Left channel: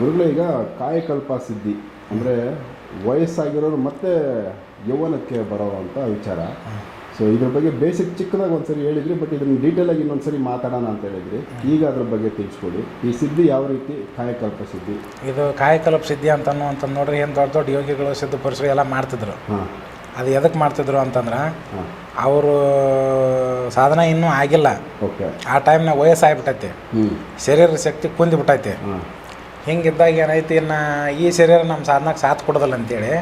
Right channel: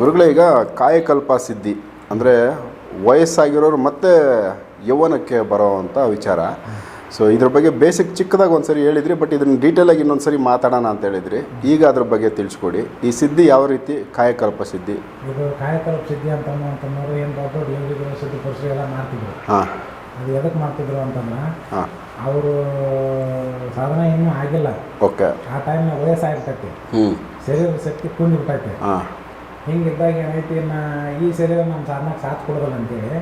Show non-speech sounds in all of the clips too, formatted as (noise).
ಗುರುಗಳೇ ಈಗ ಕಾಯಕಲ್ಪ ಸಿದ್ಧಿ. ಅಂದರೆ ವಯಸ್ಸಾಗಿರೋರು ಮತ್ತೆ ಯೌವನಕ್ಕೆ ಬರೋವಂಥ ವಿಚಾರ. ಸೊ ಇದ್ರ ಬಗ್ಗೆ ಬೇಸಿಕ್ ಚಿಕ್ಕದಾಗಿ ಒಂದ್ಸರಿ ಹೇಳಿದ್ರಿ ಬಟ್ ಇದನ್ನ ಡೀಟೇಲಾಗಿ ಇನ್ನೊಂದ್ಸರಿ ಮಾತಾಡೋಣ ಅಂತ ಹೇಳಿದ್ರಿ. ಈಗ ಅದ್ರ ಬಗ್ಗೆ ತಿಳಿಸ್ಕೊಡಿ. ಈ ಸಿದ್ಧಿ ಯಾವ ರೀತಿ ಕಾಯಕಲ್ಪ ಸಿದ್ಧಿ? ಇದು ಕಾಯಕಲ್ಪ ಸಿದ್ಧಿ ಅಂತ ಅಂತ ನೋಡ್ರಿ ಏನು ದೊಡ್ಡ ದೊಡ್ಡ ಯೋಗಿಗಳು ಸಿದ್ಧ ಪುರುಷರು ಎಲ್ಲ ಮಾಡ್ತಿದ್ರು. ಹಾಂ. ಅದು ಎದಕ್ಕೆ ಮಾಡ್ತಿದ್ರು ಅಂತಂದ್ರೆ ಹಾಂ. ಅವರು ಸಾಧನ ಇನ್ನೂ ಆಗಿಲ್ಲ. ಓಕೆ ಆ ಟೈಮ್ನಾಗ ವಯಸ್ಸಾಗ್ಬಿಟ್ಟೈತಿ. ಶರೀರ ಶಕ್ತಿ ಕುಂದಿಬಿಟ್ಟೈತಿ. ಹಾಂ. ಹಿಂಗಿದ್ದಾಗ ಏನೈತಿ ಇನ್ನು ಈ ಶರೀರ ನಮ್ಮ ಸಾಧನಕ್ಕೆ ಸಾಥ್ ಕೊಡೋದಿಲ್ಲ ಅಂತೇಳಿ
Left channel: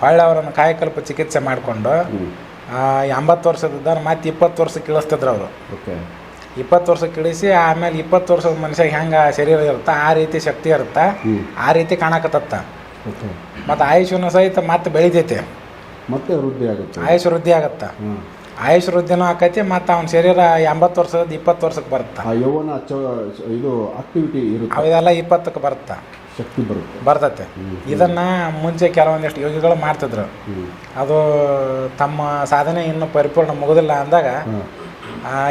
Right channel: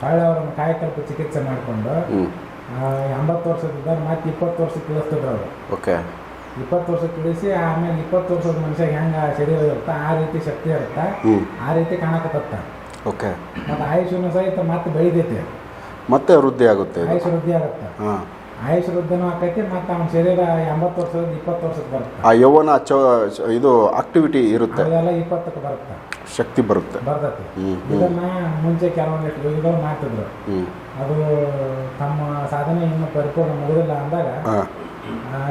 ಹೊಳ್ಳ ಅವರನ್ನು ಕಾಯಕಲ್ಪ ಚಿಕಿತ್ಸೆ ಮಾಡಿಕೊಂಡು ಎಂಬತ್ತು ವರ್ಷದಿದ್ದ ಮತ್ತೆ ಇಪ್ಪತ್ತು ವರ್ಷಕ್ಕೆ ಇಳಿಸ್ತಿದ್ರು ಅವರು. ಓಕೆ. ಇಪ್ಪತ್ತು ವರ್ಷಕ್ಕೆ ಇಳಿಸಿ ಆಮೇಲೆ ಇಪ್ಪತ್ತು ವರ್ಷದ ಮನುಷ್ಯ ಹೆಂಗೆ ಶರೀರ ಇರುತ್ತೆ ಆ ರೀತಿ ಶಕ್ತಿ ಇರುತ್ತೆ ಆ ರೀತಿ ಕಾಣಕತ್ತತ್ತ. ಓಕೆ. ಮತ್ತು ಆಯುಷ್ಯನು ಸಹಿತ ಮತ್ತೆ ಬೆಳಿತೈತಿ. ಮತ್ತೆ ವೃದ್ಧಿ ಆಗುತ್ತೆ. ಆಯುಷ್ ವೃದ್ಧಿ ಆಗತ್ತೆ. ಹಾಂ. ಆಯುಷ್ ವೃದ್ಧಿನೂ ಆಕೈತಿ ಮತ್ತು ಅವ್ನ ಶರೀರ ಎಂಬತ್ತು ವರ್ಷದ ಇಪ್ಪತ್ತು ವರ್ಷಕ್ಕೆ ಬರುತ್ತೆ. ಆ ಯೌವನ ಚ ಇದು ಆಕ್ಟಿವಿಟಿ ಇರುತ್ತೆ. ಇದೆಲ್ಲ ಇಪ್ಪತ್ತಕ್ಕೆ ಬರುತ್ತೆ. ಶಕ್ತಿ ಬರುತ್ತೆ. ಬರ್ತತೆ. ಇದನ್ನ ಮುಂಚೆ ಕೆಲವೊಂದಿಷ್ಟು ಯೋಗಿಗಳು ಮಾಡ್ತಿದ್ರು. ಅದು ತಮ್ಮ ಸಾಧನೆ ಇನ್ನೂ ಪರಿಪೂರ್ಣ ಮುಗುದಿಲ್ಲ ಅಂದಾಗ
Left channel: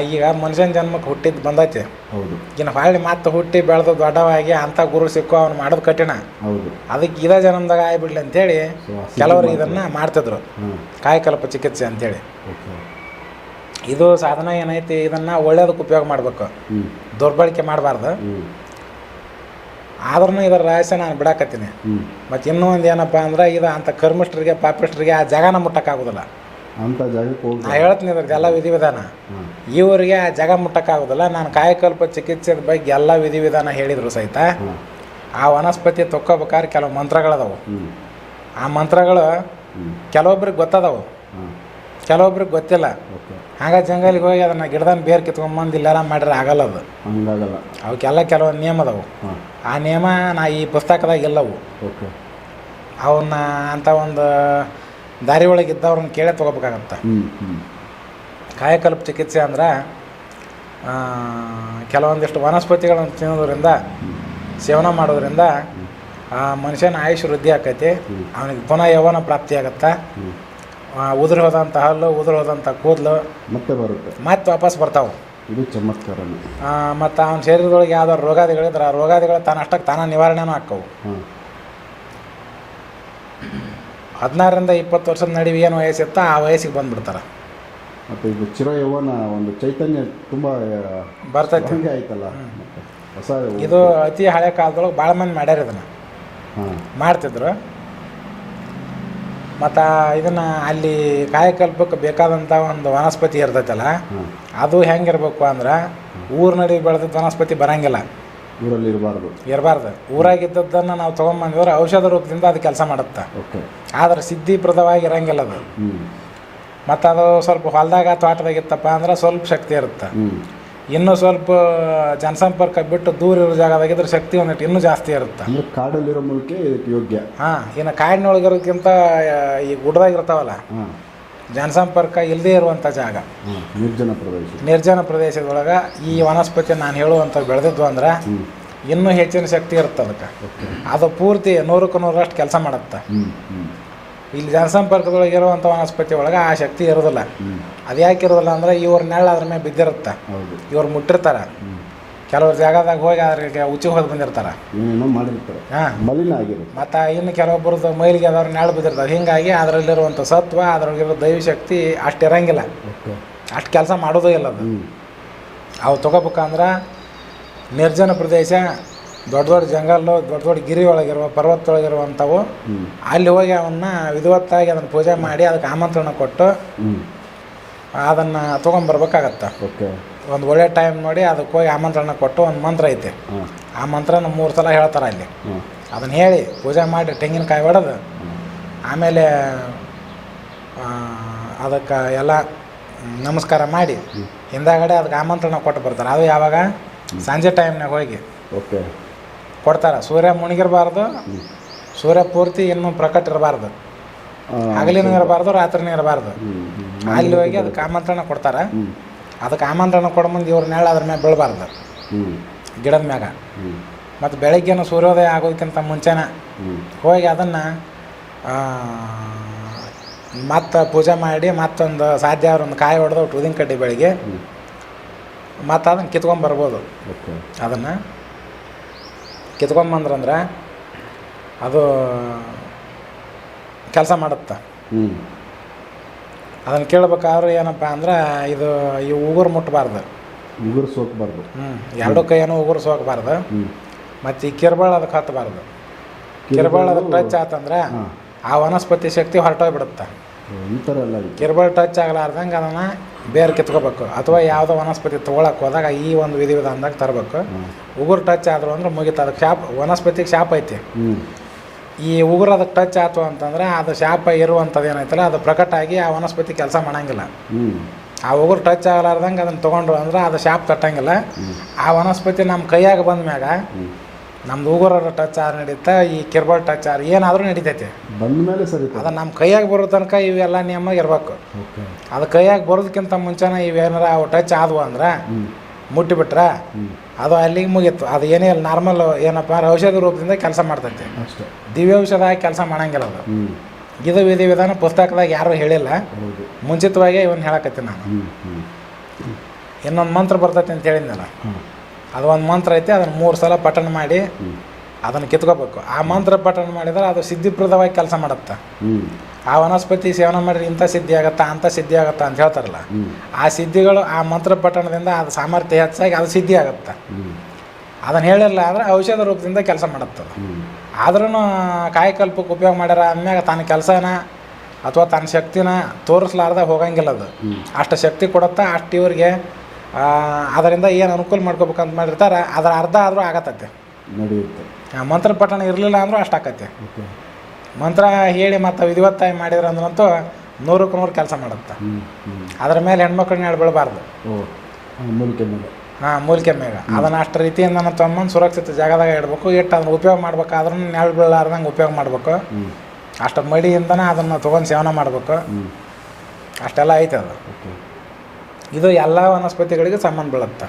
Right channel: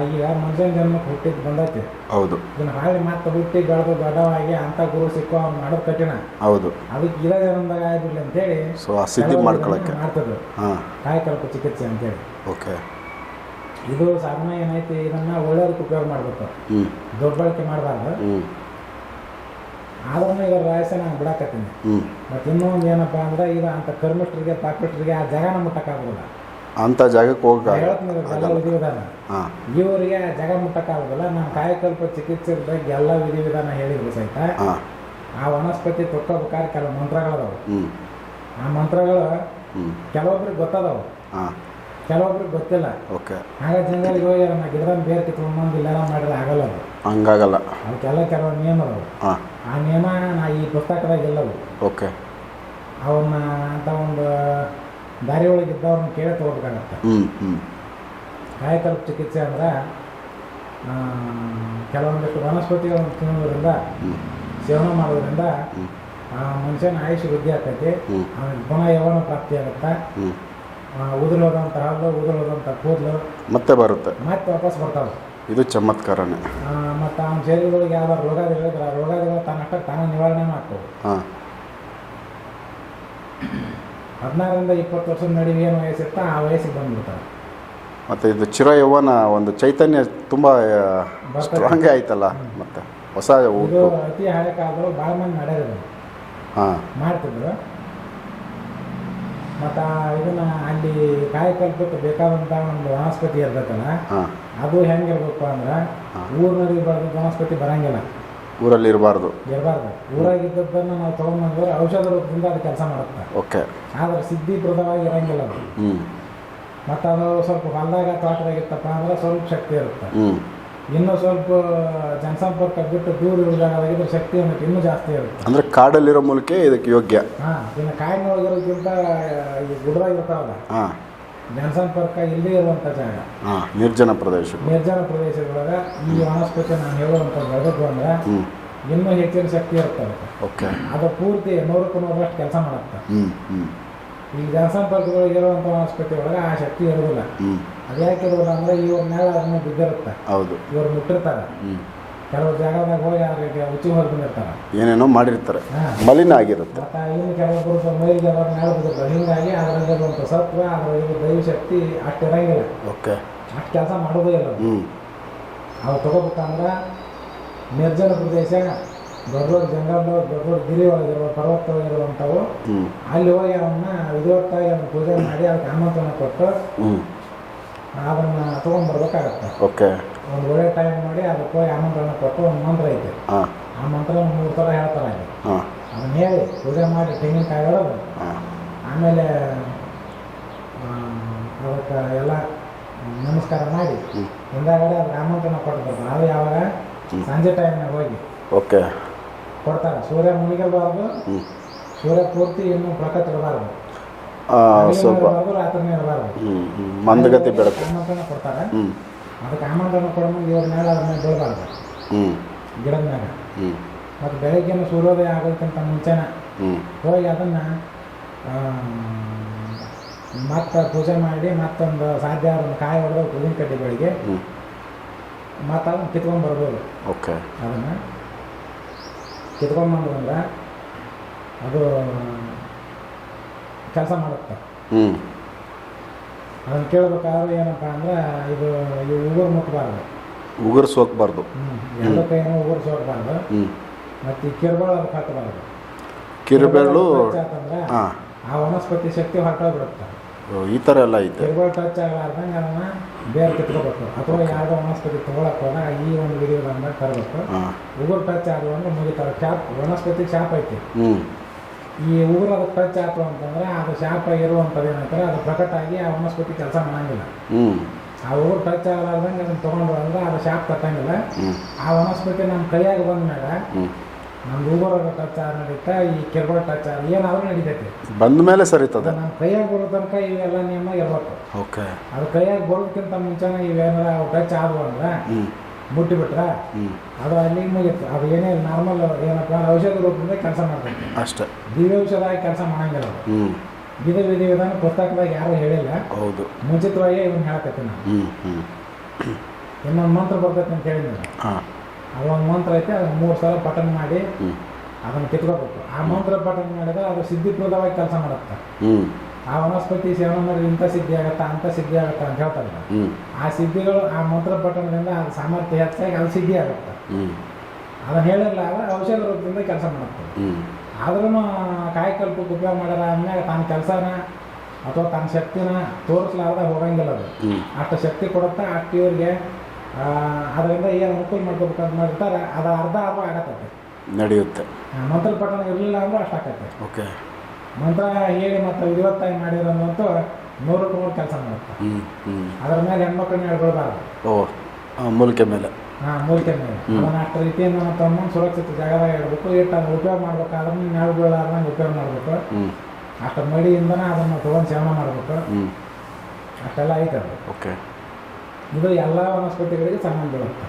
ಈಗ ಮನುಷ್ಯನ ಜನ್ಮಕ್ಕೆ ಹುಟ್ಟಿದ್ದು ಬಂದೈತೆ. ಹೌದು. ಇನ್ನು ಹೊಳ್ಳಿ ಮತ್ತೆ ಹುಟ್ಟಿ ಬೆಳೆದು ದೊಡ್ಡವಾಗಿ ಅಂತ ಗುರು ಸಿಕ್ಕೋ ಅವ್ನು ಮಾಡೋದು ಕಠಿಣ. ಹೌದು. ಅದಕ್ಕೆ ಇದೇ ಜನ್ಮದಾಗ ಆಗ್ಬಿಡ್ಲಿ ಅಂತೇಳಿ ಹೇಳಿ ಕೆಲವರು ಇದನ್ನ ಮಾಡ್ತಿದ್ರು. ಕಾಯಕಲ್ಪ ಚಿಕಿತ್ಸೆ ಅಂತೇಳಿ. ಓಕೆ ಇದು ಸಾಧನ ಏನೈತಿ ಇದನ್ನ ಒಳ್ಳೇದಕ್ಕೆ ಉಪಯೋಗ ಮಾಡಬೇಕು. ದುರ್ಬಳಕೆ ಮಾಡಬಾರ್ದು. ಆದ್ರೂ ಇದರ ರಹಸ್ಯ ನಾನು ಬಿಡಾಕತ್ತೀನಿ. ಮತ್ತು ಇನ್ನೂ ಒಂದು ಏನಪ್ಪ ಅಂದ್ರೆ ಇದು ಅಂಥ ಕರ್ಮಿಷ್ಟರಿಗೆ ಪಾಪಿಷ್ಟರಿಗೆ ಆ ಜಾಗನ ಮುಟ್ಟಕ್ಕಾಗೋದಿಲ್ಲ. ಅಂಥ ಜಾಗಕ್ಕೆ ಹೋಗ್ತಾರೆ ಹೇಳ್ತೀನಿ ಇದ್ರದ್ದು ಎಲ್ಲ ವಿಧಿವಿಧಾನ. ಇವರಿಗೆ ಆ ಜಾಗ ಮುಟ್ಟಕ್ಕಾಗೋದಿಲ್ಲ. ನಾನು ಕಾಯಕಲ್ಪ ಚಿಕಿತ್ಸೆ ಬಗ್ಗೆ ಎಲ್ಲ ವಿಧಿವಿಧಾನ ಹೇಳಿದ್ರು ಸಹಿತ. ಆ ವನಸ್ಪತಿ ತೊಕ್ಕೋಬೇಕಾದ್ರೆ ಕೆಲವು ಮಂತ್ರಗಳದಾವು ಆ ಮಂತ್ರಗಳು ಕೆಲವೊಬ್ಬರಿಗೆ ಕೆಲವೊಬ್ರಿಗೆ ಗೊತ್ತದವು. ಕೆಲವೊಬ್ರಿಗೆ ಗೊತ್ತಿಲ್ಲ. ಓಕೆ. ಹಾಗ ಜಂಗಲಿಗೆ ಹೋಗಿ ಅದನ್ನ ಗಿಡದನ್ನ ಬೇರ್ ಕಿತ್ಕೊಂಬಂದು ಇಲ್ಲಾರ ಮಾಡಿದ್ರೆ ಆಗಲ್ಲ ಅದು. ಹಂಗಾಗಲ್ಲ. ಅವಕ್ಕೆಲ್ಲ ಕೆಲವೊಂದು ನಿಯಮ ಅದಾವು. ಆ ನಿಯಮ ನಾ ಈ ಪುಸ್ತಕದಾಗ ಇಲ್ಲವು. ಓಕೆ. ಅವನ್ನ ಅಂತ ಒಂದು ದಾರಿ ಒಳಗೆ ಇದ್ದವ್ರನ್ನ ಕೇಳೇ ತೊಗೋಬೇಕಾಗತ್ತೆ. ಕಾಯಕಲ್ಪ ಚಿಕಿತ್ಸೆ ಅಂದ್ರೆ ಕೆಲವೊಂದಿಷ್ಟು ವನಸ್ಪತಿಗಳನ್ನು ತಿನ್ನೋದ್ರಿಂದ ಸೇವನೆ ಮಾಡೋದ್ರಿಂದ ಆ ಮನುಷ್ಯನ ಆಯುಷ್ ವೃದ್ಧಿ ಆಕೈತಿ. ಅವನಿಗೆ ಪುನಃ ಯೌವನ ಪ್ರಾಪ್ತಿ ಆಗತ್ತೆ. ಉದುರು ಹೋದಂಥ ಹಲ್ಲು ಉದುರು ಹೋದಂಥ ಕೂದಲು ಮತ್ತೆ ಬರುತ್ತೆ. ಮತ್ತೆ ವಾಪಸ್ ಬರ್ತಾವೆ. ಇದು ಚಮತ್ಕಾರನೇ. ಮತ್ತು ಅವನ ಶರೀರದೊಳಗೆ ಯಾವ್ದಾರು ರೋಗಾದಿಗಳಿದ್ರೆ ಆ ರೋಗಾದಿಗಳು ತಾನಷ್ಟಕ್ಕೆ ತಾನ ನಿವಾರಣೆನೂ ಆಕ್ಕವು ಹಾಂ. ಹದಿನಾರರಿಂದ ಇಪ್ಪತ್ತು ವರ್ಷದ ನಡುವೆ ಏನು ವಯಸ್ಸಿತ್ತ ಆ ವಯಸ್ಸಿಗೆ ಬಂದ್ಬಿಡ್ತಾರೆ. ಮತ್ತು ಇದು ಚಿರ ಯೌವನ ಒಂದು ಚೈತನ್ಯ ತುಂಬ ಬರ್ತದೆ ಹಂಗೆ ಆಯ್ತಲ್ಲ ಮತ್ತೆ ಹೊಸ ಇದು ಅತಿ ಹಳೆ ಕಾಲದೊಳಗೆ ಭಾಳ ಮಂದಿ ಮಾಡ್ಯಾರ ಇದನ್ನು. ಹಾಂ. ಮಾಡ್ತಿದ್ರು. ಮತ್ತು ಇದನ್ನು ಅಲ್ಲಿ ಕಾಯಕಲ್ಪಕ್ಕೆ ಬೇಕಾದಂಥ ಒಂದು ವನಸ್ಪತಿ ಇರ್ತೈತಲ್ಲ ಅದು ಹೆಂಗಿರ್ಬೇಕು ಅಂದ್ರೆ ಊರ ನಡಿ ಬೆಳೆದದ್ದು ವನಸ್ಪತಿ ಬರಂಗಿಲ್ಲ. ಊರಲ್ಲಿ ಇರಬಾರ್ದು. ಇರಬಾರ್ದು. ಊರಾಗಿದ್ದದ್ದನ್ನು ನಾವು ತೊಗೊಂಬಂದಿದ್ರೆ ಔಷಧ ರೂಪದಿಂದ ಅದು ಕೆಲಸ ಮಾಡುತ್ತೆ. ಓಕೆ. ಆದರೆ ಸಿದ್ಧಿಪ್ರದವಾಗಿ ಇರಂಗಿಲ್ಲ ಅದು. ಮತ್ತು ಅದು ಸ್ವಲ್ಪ ಹೊಲದಾಗ ತೋಟದಾಗ ಇತ್ತಪ್ಪ ಅಂದ್ರೆ ಸ್ವಲ್ಪ ಶಕ್ತಿ ಇರುತ್ತೆ. ಇನ್ನೂ ಸ್ವಲ್ಪ ಜನಸಂಪರ್ಕ ಬಿಟ್ಟು ದೂರ ಇರೋ ಜಾಗದಾಗಿದ್ರೆ ಶಕ್ತಿ ಒಂದಿಟ್ಟು ಇನ್ನೂ ಜಾಸ್ತಿ ಇರುತ್ತೆ. ಅಂದ್ರೆ ಕಾಡಲ್ಲಿರೋ ಮೂಲಕ ಇದಕ್ಕೆ ಯೋಗ್ಯ. ಹಾಂ ಇನ್ನು ಕಾಡಿನೊಳಗಿರೋದಕ್ಕಿಂತ ಈ ಗುಡ್ಡದಾಗ ಇರ್ತಾವಲ್ಲ ಹಾಂ. ಜನಸಂಪರ್ಕ ಇಲ್ಲದೇ ಇರುವಂಥ ಜಾಗ. ಹಾಂ ನಿರ್ಜನ ಪ್ರದೇಶ. ನಿರ್ಜನ ಪ್ರದೇಶದೊಳಗೆ ಈ ವನಸ್ಪತಿ ನಾನು ಹೇಳುವಂಥ ಬೆಳೆದಿದ್ವು ಅಂದ್ರೆ ಇನ್ನೂ ಹೆಚ್ಚಿನ ಶಕ್ತಿ ಇರುತ್ತೆ ಅದಕ್ಕೆ. ಓಕೆ. ಅದು ಪೂರ್ತಿ ನೂರಕ್ಕೆ ನೂರರಷ್ಟು ಕೆಲಸ ಮಾಡುತ್ತೆ. ಇಲ್ಲಿ ಜನಸಂಪರ್ಕದೊಳಗೆ ಇರುವಂಥ ವನಸ್ಪತಿ ಒಳಗೆ ಆ ಶಕ್ತಿ ಇರೋದಿಲ್ಲ. ಅದು ಯಾಕೆ ಇರೋದಿಲ್ಲ ಅಂದ್ರೆ ಇವ್ರ ನೆರಳು ಅದ್ರ ಮೇಲೆ ಬಿದ್ದಿರುತ್ತೆ. ಹೌದು. ಇವ್ರು ಮುಟ್ಟಿರ್ತಾರೆ. ಕೆಲವ್ರು ಜಾಗದಾಗ ಹೋಗಿ ಅದ್ರಿಗೆ ಉಚ್ಚಿ ಹೋಗಿ ಬಂದಿರ್ತಾರೆ. ಏನೇನೋ ಮಾಡಿರ್ತಾರೆ. ಹಾಂ. ಮಲಿನ ಆಗಿರುತ್ತೆ. ಮತ್ತು ಇನ್ನು ಕೆಲವೊಬ್ಬರದ್ದು ಮೈಲಿಗೆ ಅದ್ರ ನೆರಳು ಬಿದ್ದಿರ್ತಾರೆ. ಹೀಗಾಗಿ ಅದರಲ್ಲಿರುವಂಥ ಸತ್ವ ಅದರೊಳಗಿರೋ ದೈವ ಶಕ್ತಿ ಅಷ್ಟು ಇರಂಗಿಲ್ಲ. ಓಕೆ. ಅಷ್ಟು ಕೆಲಸ ಮಾಡೋದೇ ಇಲ್ಲ ಅದು. ಹ್ಞೂ ಅವು ತೊಗೋಬೇಕಂದ್ರೆ ನಿರ್ಜನ ಪ್ರದೇಶ ದೊಡ್ಡ ದೊಡ್ಡ ಜಂಗಲ್ಲು ದೊಡ್ಡ ದೊಡ್ಡ ಗಿರಿ ಒಳಗಿರುವ ಪರ್ವತದೊಳಗಿರುವಂಥವು ಹ್ಞೂ ಅಲ್ಲಿ ಹೋಗಿ ಅವನ್ನ ವಿಧವತ್ತಾಗಿ ಅದನ್ನು ಪೂಜೆ ಮಾಡಿ ಅದಕ್ಕೆ ಆಮಂತ್ರಣ ಕೊಟ್ಟು ಅದನ್ನು ತೊಗೊಂಬರ್ಬೇಕಾಗತ್ತೆ ಓಕೆ. ಒಂದು ಒಳ್ಳೆ ಟೈಮ್ ನೋಡಿ ಅದಕ್ಕೆ ಹೋಗಿ ಆಮಂತ್ರಣ ಕೊಟ್ಟು ಒಂದು ಮಂತ್ರ ಐತೆ. ಆ ಮಂತ್ರನ ಮೂರು ಸಲ ಹೇಳ್ತಾರೆ ಅಲ್ಲಿ. ಅದನ್ನು ಹೇಳಿ ಪೂಜೆ ಮಾಡಿ ತೆಂಗಿನಕಾಯಿ ಹೊಡೆದು ಆಮೇಲೆ ಅದಕ್ಕೆ ಎಲ್ಲ ನಮಸ್ಕಾರ ಮಾಡಿ ಹಿಂದಾಗಡೆ ಅದಕ್ಕೆ ಆಮಂತ್ರಣ ಕೊಟ್ಟು ಬರ್ತಾರೆ. ಅದು ಯಾವಾಗ? ಸಂಜೆ ಟೈಮ್ನಾಗ ಹೋಗಿ. ಓಕೆ. ಕೊಡ್ತಾರೆ. ಸೂರ್ಯ ಮುಣಿಗಿರಬಾರ್ದು ಸೂರ್ಯ ಪೂರ್ತಿ ಇನ್ನೂ ಪ್ರಕಟ ಇರಬಾರ್ದು. ಹಗಲಿನ ಇರಬಾರ್ದು ರಾತ್ರಿನೂ ಇರಬಾರ್ದು. ಅದಕ್ಕೆ ಆಮಂತ್ರಣ ಕೊಡ್ತಾರೆ. ಅದಕ್ಕೆ ಆಮಂತ್ರಣ ಕೊಡ ಮುಂದೆ ಇವ್ರ ನೆರಳು ಅದ್ರ ಮ್ಯಾಗ ಬೀಳಬಾರ್ದು. ಗಿಡದ ಮ್ಯಾಗ. ಮತ್ತು ಬೆಳಗ್ಗೆನೂ ಸೂರ್ಯೋದಯ ಆಗೋದಕ್ಕಿಂತ ಮುಂಚೆನೇ ಹೋಗಿ ಅದನ್ನು ಮತ್ತೆ ಪೂಜೆ ಮಾಡಿ ಮತ್ತೊಂದು ಸಾಧ್ಯ ಅವ್ರ ಒಂದು ಕಾಯಿ ಹೊಡೆದು ಉದಿನ ಕಡ್ಡಿ ಬೆಳಿಗ್ಗೆ. ಮತ್ತು ಅದನ್ನು ಕಿತ್ಕೊಂಬರ್ಬೋದು ಓಕೆ. ಅದನ್ನು ಕಿತ್ಕೊಂಬಂದ್ರಂದ್ರೆ ಅದು ಕೆಲಸ ಮಾಡುತ್ತೆ. ಹ್ಞೂ ಅದನ್ನು ಕೇಳ್ಬೇಕಾದ್ರೆ ಏನಪ್ಪ ಅಂದ್ರೆ ಇದು ಈ ಉಗುರು ಮುಟ್ಟಬಾರ್ದು ಉಗುರು ಸೋಕ್ಬಾರ್ದು. ಹ್ಞೂ ಎರಡು ಕೈಯನ್ನು ಉಗುರು ಸೋಕಬಾರ್ದು. ಮತ್ತು ಈ ಕಿರ್ಬಾಳ ಅದಕ್ಕೆ ಹತ್ತಬಾರ್ದು ಕಿರ್ಬಾಳ ಟಚ್ ಆತಂದ್ರೆ ಆ ವನಸ್ಪತಿ ಶಕ್ತಿ ಹೊರಟೋಗ್ಬಿಡುತ್ತೆ. ಈ ಥರ ಎಲ್ಲ ಕಿರ್ಬಾಳ್ ಟಚ್ ಆಗಲಾರ್ದಂಗೆ ಅದನ್ನು ಬೇರೆ ಕಿತ್ಕೋಬೇಕು. ಅಥವಾ ಯಾವುದೋ ವನಸ್ಪತಿ ತೊಗೊಳಕ್ಕೆ ಹೋದಾಗ ಈ ಒಂದು ವಿಧಿವಿಧಾನದಾಗ ತರಬೇಕು. ಉಗುರು ಟಚ್ ಆದ್ರು ಅಂದ್ರೆ ಮುಗಿತು. ಅದಕ್ಕೆ ಶಾಪ್ ವನಸ್ಪತಿಗೆ ಶಾಪ್ ಐತಿ. ಈ ಉಗುರು ಅದಕ್ಕೆ ಟಚ್ ಆಯ್ತು ಅಂತಂದ್ರೆ ಅದು ಶಾಪ ಇರುವಂಥದ್ದು ಏನೈತಲ್ಲ ಅದು ಪ್ರಕಟ ಆಗಿ ಆ ವನಸ್ಪತಿ ಕೆಲಸ ಮಾಡಂಗಿಲ್ಲ. ಆ ಉಗುರು ಟಚ್ ಆಗಲಾರ್ದಂಗೆ ಅದನ್ನು ತೊಗೊಂಡ್ರು ಅಂದ್ರೆ ಅದು ಶಾಪ್ ತಟ್ಟಂಗಿಲ್ಲ. ಆ ವನಸ್ಪತಿ ನಮ್ಮ ಕೈಯಾಗ ಬಂದ ಮ್ಯಾಗ ಹ್ಞೂ ನಮ್ದು ಉಗುರ ಟಚ್ ಆರ್ ನಡೀತಾ ಈ ಕಿರ್ಬಾಳ್ ಟಚ್ ಆರ್ ಏನಾದರೂ ನಡೀತೈತಿ. ಬಂದ ಮೇಲೆ ಸರಿ ಅದು ನಮ್ಮ ಕೈಯಾಗ ಬರೋ ತನಕ ಇವೆಲ್ಲ ನಿಯಮ ಇರ್ಬೇಕು. ಓಕೆ. ಅದು ಕೈಯಾಗ ಬರೋದಕ್ಕಿಂತ ಮುಂಚೆನೇ ಇವೇನಾರ ಅವು ಟಚ್ ಆದವು ಅಂದ್ರೆ ಮುಟ್ಟಿಬಿಟ್ರೆ ಅದು ಅಲ್ಲಿಗೆ ಮುಗೀತು. ಅದು ಏನೇ ಇಲ್ಲ ನಾರ್ಮಲ್ ಏನಪ್ಪ ಅಂದ್ರೆ ಔಷಧಿ ರೂಪದಿಂದ ಕೆಲಸ ಮಾಡ್ತೈತಿ. ಅಷ್ಟೇ. ದಿವ್ಯ ಔಷಧ ಆಗಿ ಕೆಲಸ ಮಾಡಂಗಿಲ್ಲ ಅದು. ಇದು ವಿಧಿ ವಿಧಾನ ಪುಸ್ತಕದಾಗ ಯಾರು ಹೇಳಿಲ್ಲ. ಹೌದು. ಮುಂಚಿತವಾಗಿ ಇವನ್ ಹೇಳಕತ್ತೀನಿ ನಾನು. ಇನ್ನೊಂದು ಮಂತ್ರ ಬರ್ತೈತಿ ಅಂತ ಹೇಳಿದ್ನಲ್ಲ. ಹಾಂ. ಅದು ಒಂದು ಮಂತ್ರ ಐತೆ ಅದನ್ನು ಮೂರು ಸಲ ಪಠಣ ಮಾಡಿ ಅದನ್ನು ಕಿತ್ಕೋಬೇಕು. ಆ ಮಂತ್ರ ಪಠಣ ಮಾಡಿದ್ರೆ ಅದು ಸಿದ್ಧಿಪ್ರದವಾಗಿ ಕೆಲಸ ಮಾಡುತ್ತೆ. ಆ ವನಸ್ಪತಿ ಸೇವನೆ ಮಾಡಿದ್ರೆ ಇಂಥ ಸಿದ್ಧಿ ಆಗತ್ತಾ ಅಂಥ ಸಿದ್ಧಿ ಆಗತ್ತಾ ಅಂತ ಹೇಳ್ತಾರಲ್ಲ. ಆ ಸಿದ್ಧಿಗಳು ಆ ಮಂತ್ರ ಪಠಣದಿಂದ ಅದು ಸಾಮರ್ಥ್ಯ ಹೆಚ್ಚಾಗಿ ಅದು ಸಿದ್ಧಿ ಆಗುತ್ತೆ. ಅದನ್ನು ಹೇಳಿರಲ್ಲ ಆದರೆ ಔಷಧ ರೂಪದಿಂದ ಕೆಲಸ ಮಾಡುತ್ತೆ ಆದ್ರೂ ಕಾಯಕಲ್ಪಕ್ಕೆ ಉಪಯೋಗ ಮಾಡ್ಯಾರ ಅಂದ್ಮ್ಯಾಗ ತನ್ನ ಕೆಲಸನ ಅಥವಾ ತನ್ನ ಶಕ್ತಿನ ತೋರಿಸ್ಲಾರ್ದ ಹೋಗಂಗಿಲ್ಲ ಅದು. ಅಷ್ಟು ಶಕ್ತಿ ಕೊಡುತ್ತಾ ಅಷ್ಟು ಇವ್ರಿಗೆ ಅದರಿಂದ ಏನು ಅನುಕೂಲ ಮಾಡ್ಕೋಬೇಕಂತ ಮಾಡಿರ್ತಾರೆ ಅದರ ಅರ್ಧ ಆದರೂ ಆಗತ್ತೆ ನಡೆಯುತ್ತೆ. ಮಂತ್ರ ಪಠಣ ಇರಲಿಲ್ಲ ಅಂದರೂ ಅಷ್ಟು ಆಕೈತೆ ಓಕೆ. ಮಂತ್ರ ಹೇಳಿ ಮತ್ತು ವಿಧಿವತ್ತಾಗಿ ಮಾಡಿದ್ರೆ ಅಂದ್ರಂತೂ ನೂರಕ್ಕೆ ನೂರು ಕೆಲಸ ಮಾಡುತ್ತೆ. ಅದ್ರ ಮೇಲೆ ಹೆಣ್ಮಕ್ಳನ್ನ ಹೇಳಿ ಬೀಳಬಾರ್ದು ಓ ಮೂಲಿಕೆ ಮೇಲೆ. ಹಾಂ ಮೂಲಿಕೆ ಮೇಲೆ. ಅದನ್ನು ಅಷ್ಟು ರೀತಿಯಿಂದ ತೊಗೊಂಬಂದು ಸುರಕ್ಷಿತ ಜಾಗದಾಗ ಇಡಬೇಕು ಇಟ್ಟು ಅದನ್ನು ಉಪಯೋಗ ಮಾಡ್ಬೇಕಾದ್ರೂ ನೆರಳು ಬೀಳಾರ್ದಂಗೆ ಉಪಯೋಗ ಮಾಡಬೇಕು. ಅಷ್ಟು ಮಡಿಯಿಂದನೇ ಅದನ್ನು ತೊಗೊಂಡು ಸೇವನೆ ಮಾಡಬೇಕು. ಅಷ್ಟೆಲ್ಲ ಐತೆ ಅದು. ಓಕೆ. ಇದು ಎಲ್ಲ ವನಸ್ಪತಿಗಳಿಗೆ ಸಂಬಂಧ ಬೀಳುತ್ತೆ.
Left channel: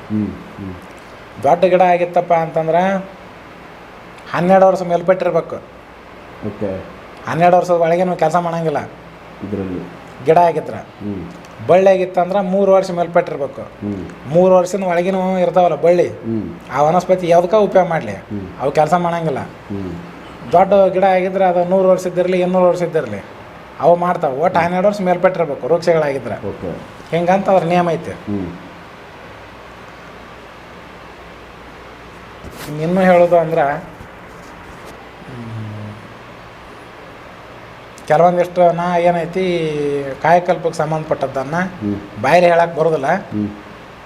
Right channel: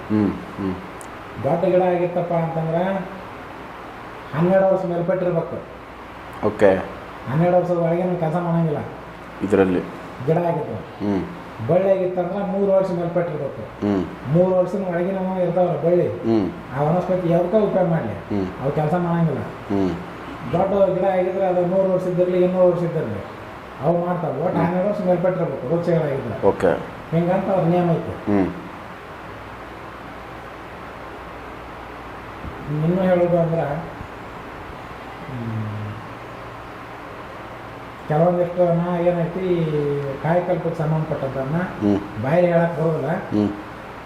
ದೊಡ್ಡ ಗಿಡ ಆಗಿತ್ತಪ್ಪ ಅಂತಂದ್ರೆ ಹನ್ನೆರಡು ವರ್ಷ ಮೇಲ್ಪಟ್ಟಿರ್ಬೇಕು. ಓಕೆ. ಹನ್ನೆರಡು ವರ್ಷದ ಒಳಗೆ ನಾವು ಕೆಲಸ ಮಾಡಂಗಿಲ್ಲ. ಇದರಲ್ಲಿ. ಗಿಡ ಆಗಿದ್ರೆ. ಬಳ್ಳಿ ಆಗಿತ್ತಂದ್ರೆ ಮೂರು ವರ್ಷ ಮೇಲ್ಪಟ್ಟಿರ್ಬೇಕು. ಮೂರು ವರ್ಷದ ಒಳಗಿನ ಇರ್ತಾವಲ್ಲ ಬಳ್ಳಿ. ಆ ವನಸ್ಪತಿ ಯಾವ್ದಕ್ಕ ಉಪಯೋಗ ಮಾಡಲಿ. ಅವು ಕೆಲಸ ಮಾಡಂಗಿಲ್ಲ. ದೊಡ್ಡ ಗಿಡ ಆಗಿದ್ರೆ ಅದು ನೂರು ವರ್ಷ ಇದ್ದಿರಲಿ ಇನ್ನೂರು ವರ್ಷ ಇದ್ದಿರಲಿ. ಅವು ಮಾಡ್ತಾವೆ. ಒಟ್ಟು ಹನ್ನೆರಡು ವರ್ಷ ಮೇಲ್ಪಟ್ಟಿರ್ಬೇಕು ವೃಕ್ಷಗಳಾಗಿದ್ರೆ. ಓಕೆ. ಹಿಂಗಂತ ಅವ್ರ ನಿಯಮ ಐತೆ. ಇನ್ನು ಹೇಳೋದು ಅಂದ್ರೆ ಕೆಲವೊಂದಿಷ್ಟು ನಾ ಏನೈತಿ ಕಾಯಕಲ್ಪಕ್ಕೆ ಸಂಬಂಧಪಟ್ಟದ್ದನ್ನು ಬಾಯಲ್ಲಿ ಹೇಳಕ್ಕೆ ಬರೋದಿಲ್ಲ.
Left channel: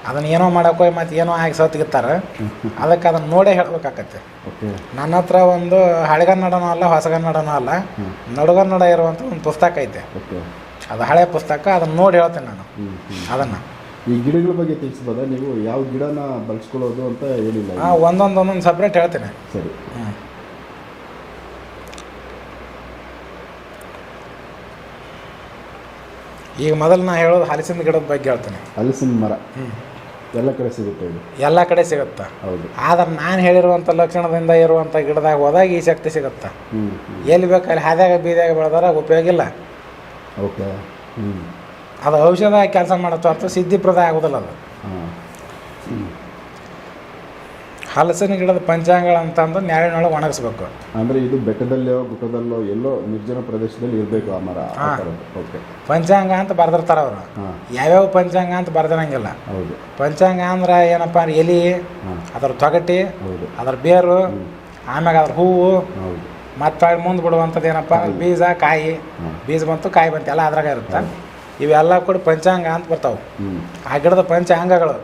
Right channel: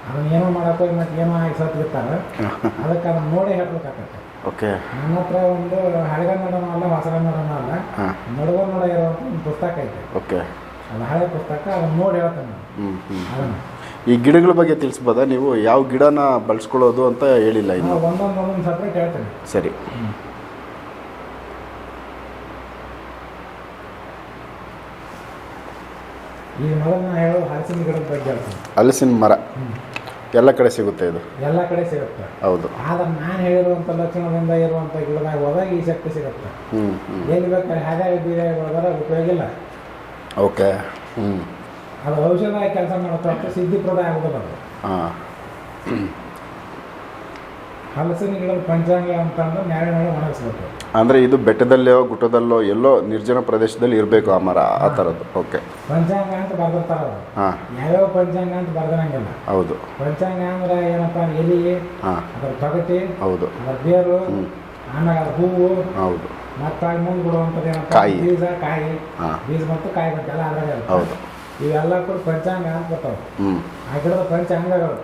ಅದನ್ನ ಏನೋ ಮಾಡೋಕೆ ಹೋಗಿ ಮತ್ತೆ ಏನೋ ಆಗಿ ಸತ್ತಿಗಿರ್ತಾರೆ (laughs) ಅದಕ್ಕೆ ಅದನ್ನ ನೋಡೇ ಹೇಳ್ಬೇಕಾಕತ್ತೆ. ಓಕೆ. ನನ್ನ ಹತ್ರ ಒಂದು ಹಳೆಗನ್ನಡನೂ ಅಲ್ಲ ಹೊಸಗನ್ನಡನೂ ಅಲ್ಲ. ನಡುಗನ್ನಡ ಇರುವಂಥ ಒಂದು ಪುಸ್ತಕ ಐತೆ. ಓಕೆ. ಅದು ಹಳೆ ಪುಸ್ತಕ ಅದನ್ನು ನೋಡಿ ಹೇಳ್ತೇನೆ ನಾನು. ಅದನ್ನು. ಈ ಗಿಡಗಳ ಬಗ್ಗೆ ತಿಳಿಸ್ಬೋದಾ? ನೀವು ಯಾವ ಗಿಡನ ಬಳಸ್ಕೊಳ್ಳೋದು ಅಂತ ಹೇಳಿಲ್ಲ ಹಾಂ ಇನ್ನು. ಒಂದೊಂದು ಒಂದೊಂದು ಸಪ್ರೇಟ್ ಹೇಳ್ತೇನೆ. ಸರಿ. ಈಗ ಮೊದಲು ನಾ ಹೇಳೋದು ಹಲಸಿನ ಗಿಡದ ಬಗ್ಗೆ ಹೇಳ್ತೇನೆ. ಹಲಸಿನ ಮರ. ಎಲ್ಲ ಕಡೆ ಸಿಗುತ್ತೆ ಇದು? ಎಲ್ಲ ಕಡೆ ಸಿಗುತ್ತೆ. ಹೌದು. ಆದ್ರೆ ನಾನು ಹೇಳಿರುವಂಥ ಲಕ್ಷಣದಿಂದ ಇರುವಂಥ ಗಿಡದಾಗ ಹೋದಾಗ ಈ ಶಕ್ತಿ ಸಿಗುತ್ತೆ. ಹ್ಞೂ ಎಲ್ಲಿ ಬೇಕಾದ್ರೆ ಹಾದ್ಯಾಗ ಬೀದ್ಯಾಗ ಬೆಳೆದಾರ ಉಪಯೋಗ ಇಲ್ಲ. ಓಕೆ. ಹ್ಞೂ ಅದು ಔಷಧ ಕೆಲಸ ಮಾಡುತ್ತೋ ಅಥವಾ ಸಿದ್ಧಿಪ್ರದ ಆಗೋದಿಲ್ಲ ಅದು. ಹಾಂ. ಹಲಸಿನ ಗಿಡದ ಪಂಚಾಂಗಗಳು ಅಂತಂದು ನ್ಯಾಳಿನೊಳಗೆ ಒಣಗಿಸ್ಬೇಕು. ಅಂದರೆ ಇದು ಬೆಟ್ಟದಲ್ಲೋ ಗುಟ್ಟದಲ್ಲೋ ಎಲ್ಲೋ ನಿರ್ಜನ ಪ್ರದೇಶದಲ್ಲಿ ಇರಬೇಕು ಆ ಮರ ಆ ಥರದ್ದು. ಓಕೆ. ಪಂಚಾಂಗ ಅಂತ ಬರ್ದಿರ್ತಾರೆ ಅವರು. ಹಾಂ. ಯಾವ್ಯಾವ ಪಂಚಾಂಗ ಅಂತ ಬರ್ದಿರಂಗಿಲ್ಲ. ಹೌದು. ಪಂಚಾಂಗ ಅಂದ್ರೆ ಏನಪ್ಪ ಅಂದ್ರೆ ಎಲಿ ಹಾಂ. ಅದರ ತೊಗಟಿ ಹೌದು. ಅದರ ಬೇರು ಆಮ್ಯಾಗ ಅದ್ರ ಹೂವು ಹೌದು. ಮತ್ತೆ ಮುಂದೆ ಬಿಡುವಂಥದ್ದು ಏನಪ್ಪ? ಕಾಯಿ. ಬೀಜ ಕಾಯಿ. ಹಾಂ. ಬೀಜ ಬಂತು ಕಾಯಿ ಬಂತು ಎಲ್ಲ ಅದ್ರಾಗ ಇರುತ್ತೆ. ಹೌದು. ಇವೆಲ್ಲ ಕೂಡ ಪಂಚಾಂಗ ಅಂತ ಬರ್ತಾವೆ. ಹ್ಞೂ ಆ ಗಿಡದ ಪಂಚಾಂಗಗಳು.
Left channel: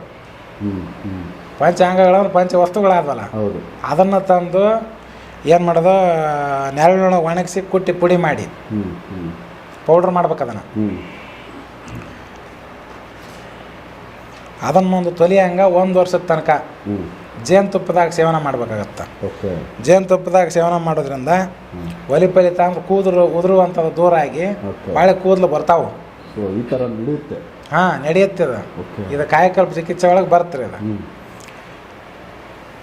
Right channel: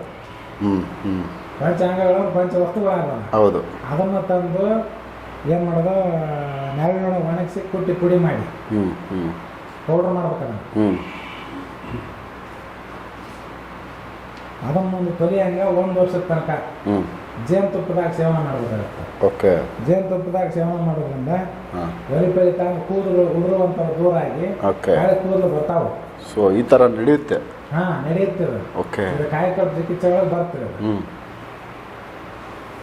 ಹ್ಞೂ ಹ್ಞೂ ಪಂಚಾಂಗಗಳು ಅಂದ್ರೆ ಪಂಚ ವಸ್ತುಗಳಾದವಲ್ಲ. ಹೌದು. ಅದನ್ನು ತಂದು ಏನು ಮಾಡೋದು? ನೆರಳಿನೊಳಗೆ ಒಣಗಿಸಿ ಕುಟ್ಟಿ ಪುಡಿ ಮಾಡಿ. ಹ್ಞೂ ಹ್ಞೂ ಪೌಡ್ರ್ ಮಾಡ್ಬೇಕು ಅದನ್ನು. ಹ್ಞೂ ಅದನ್ನು ಒಂದು ತೊಲಿಯಂಗ ಒಂದು ವರ್ಷದ ತನಕ. ಹ್ಞೂ ಜೇನುತುಪ್ಪದಾಗ ಸೇವನೆ ಮಾಡ್ಬೇಕಾಗತ್ತೆ. ಓಕೆ. ಜೇನುತುಪ್ಪದಾಗ ಸೇವನೆ ಮಾಡೋದ್ರಿಂದ ಒಲಿ ಪಲಿತ ಅಂದ್ರೆ ಕೂದಲು ಉದುರುವಂಥದ್ದು ದೂರ ಆಗಿ ಬಾಳೆ ಕೂದಲು ಬರ್ತಾವೆ. ಸೊ ಈ ಥರ ನಡೆಯುತ್ತೆ. ಹಾಂ ನಡೆಯುತ್ತೆ ಅದು. ಓಕೆ. ಇದು ಕಾಯಕಲ್ಪ ಚಿಕಿತ್ಸೆ ಒಳಗೆ ಬರ್ತಾರೆ ಅದು.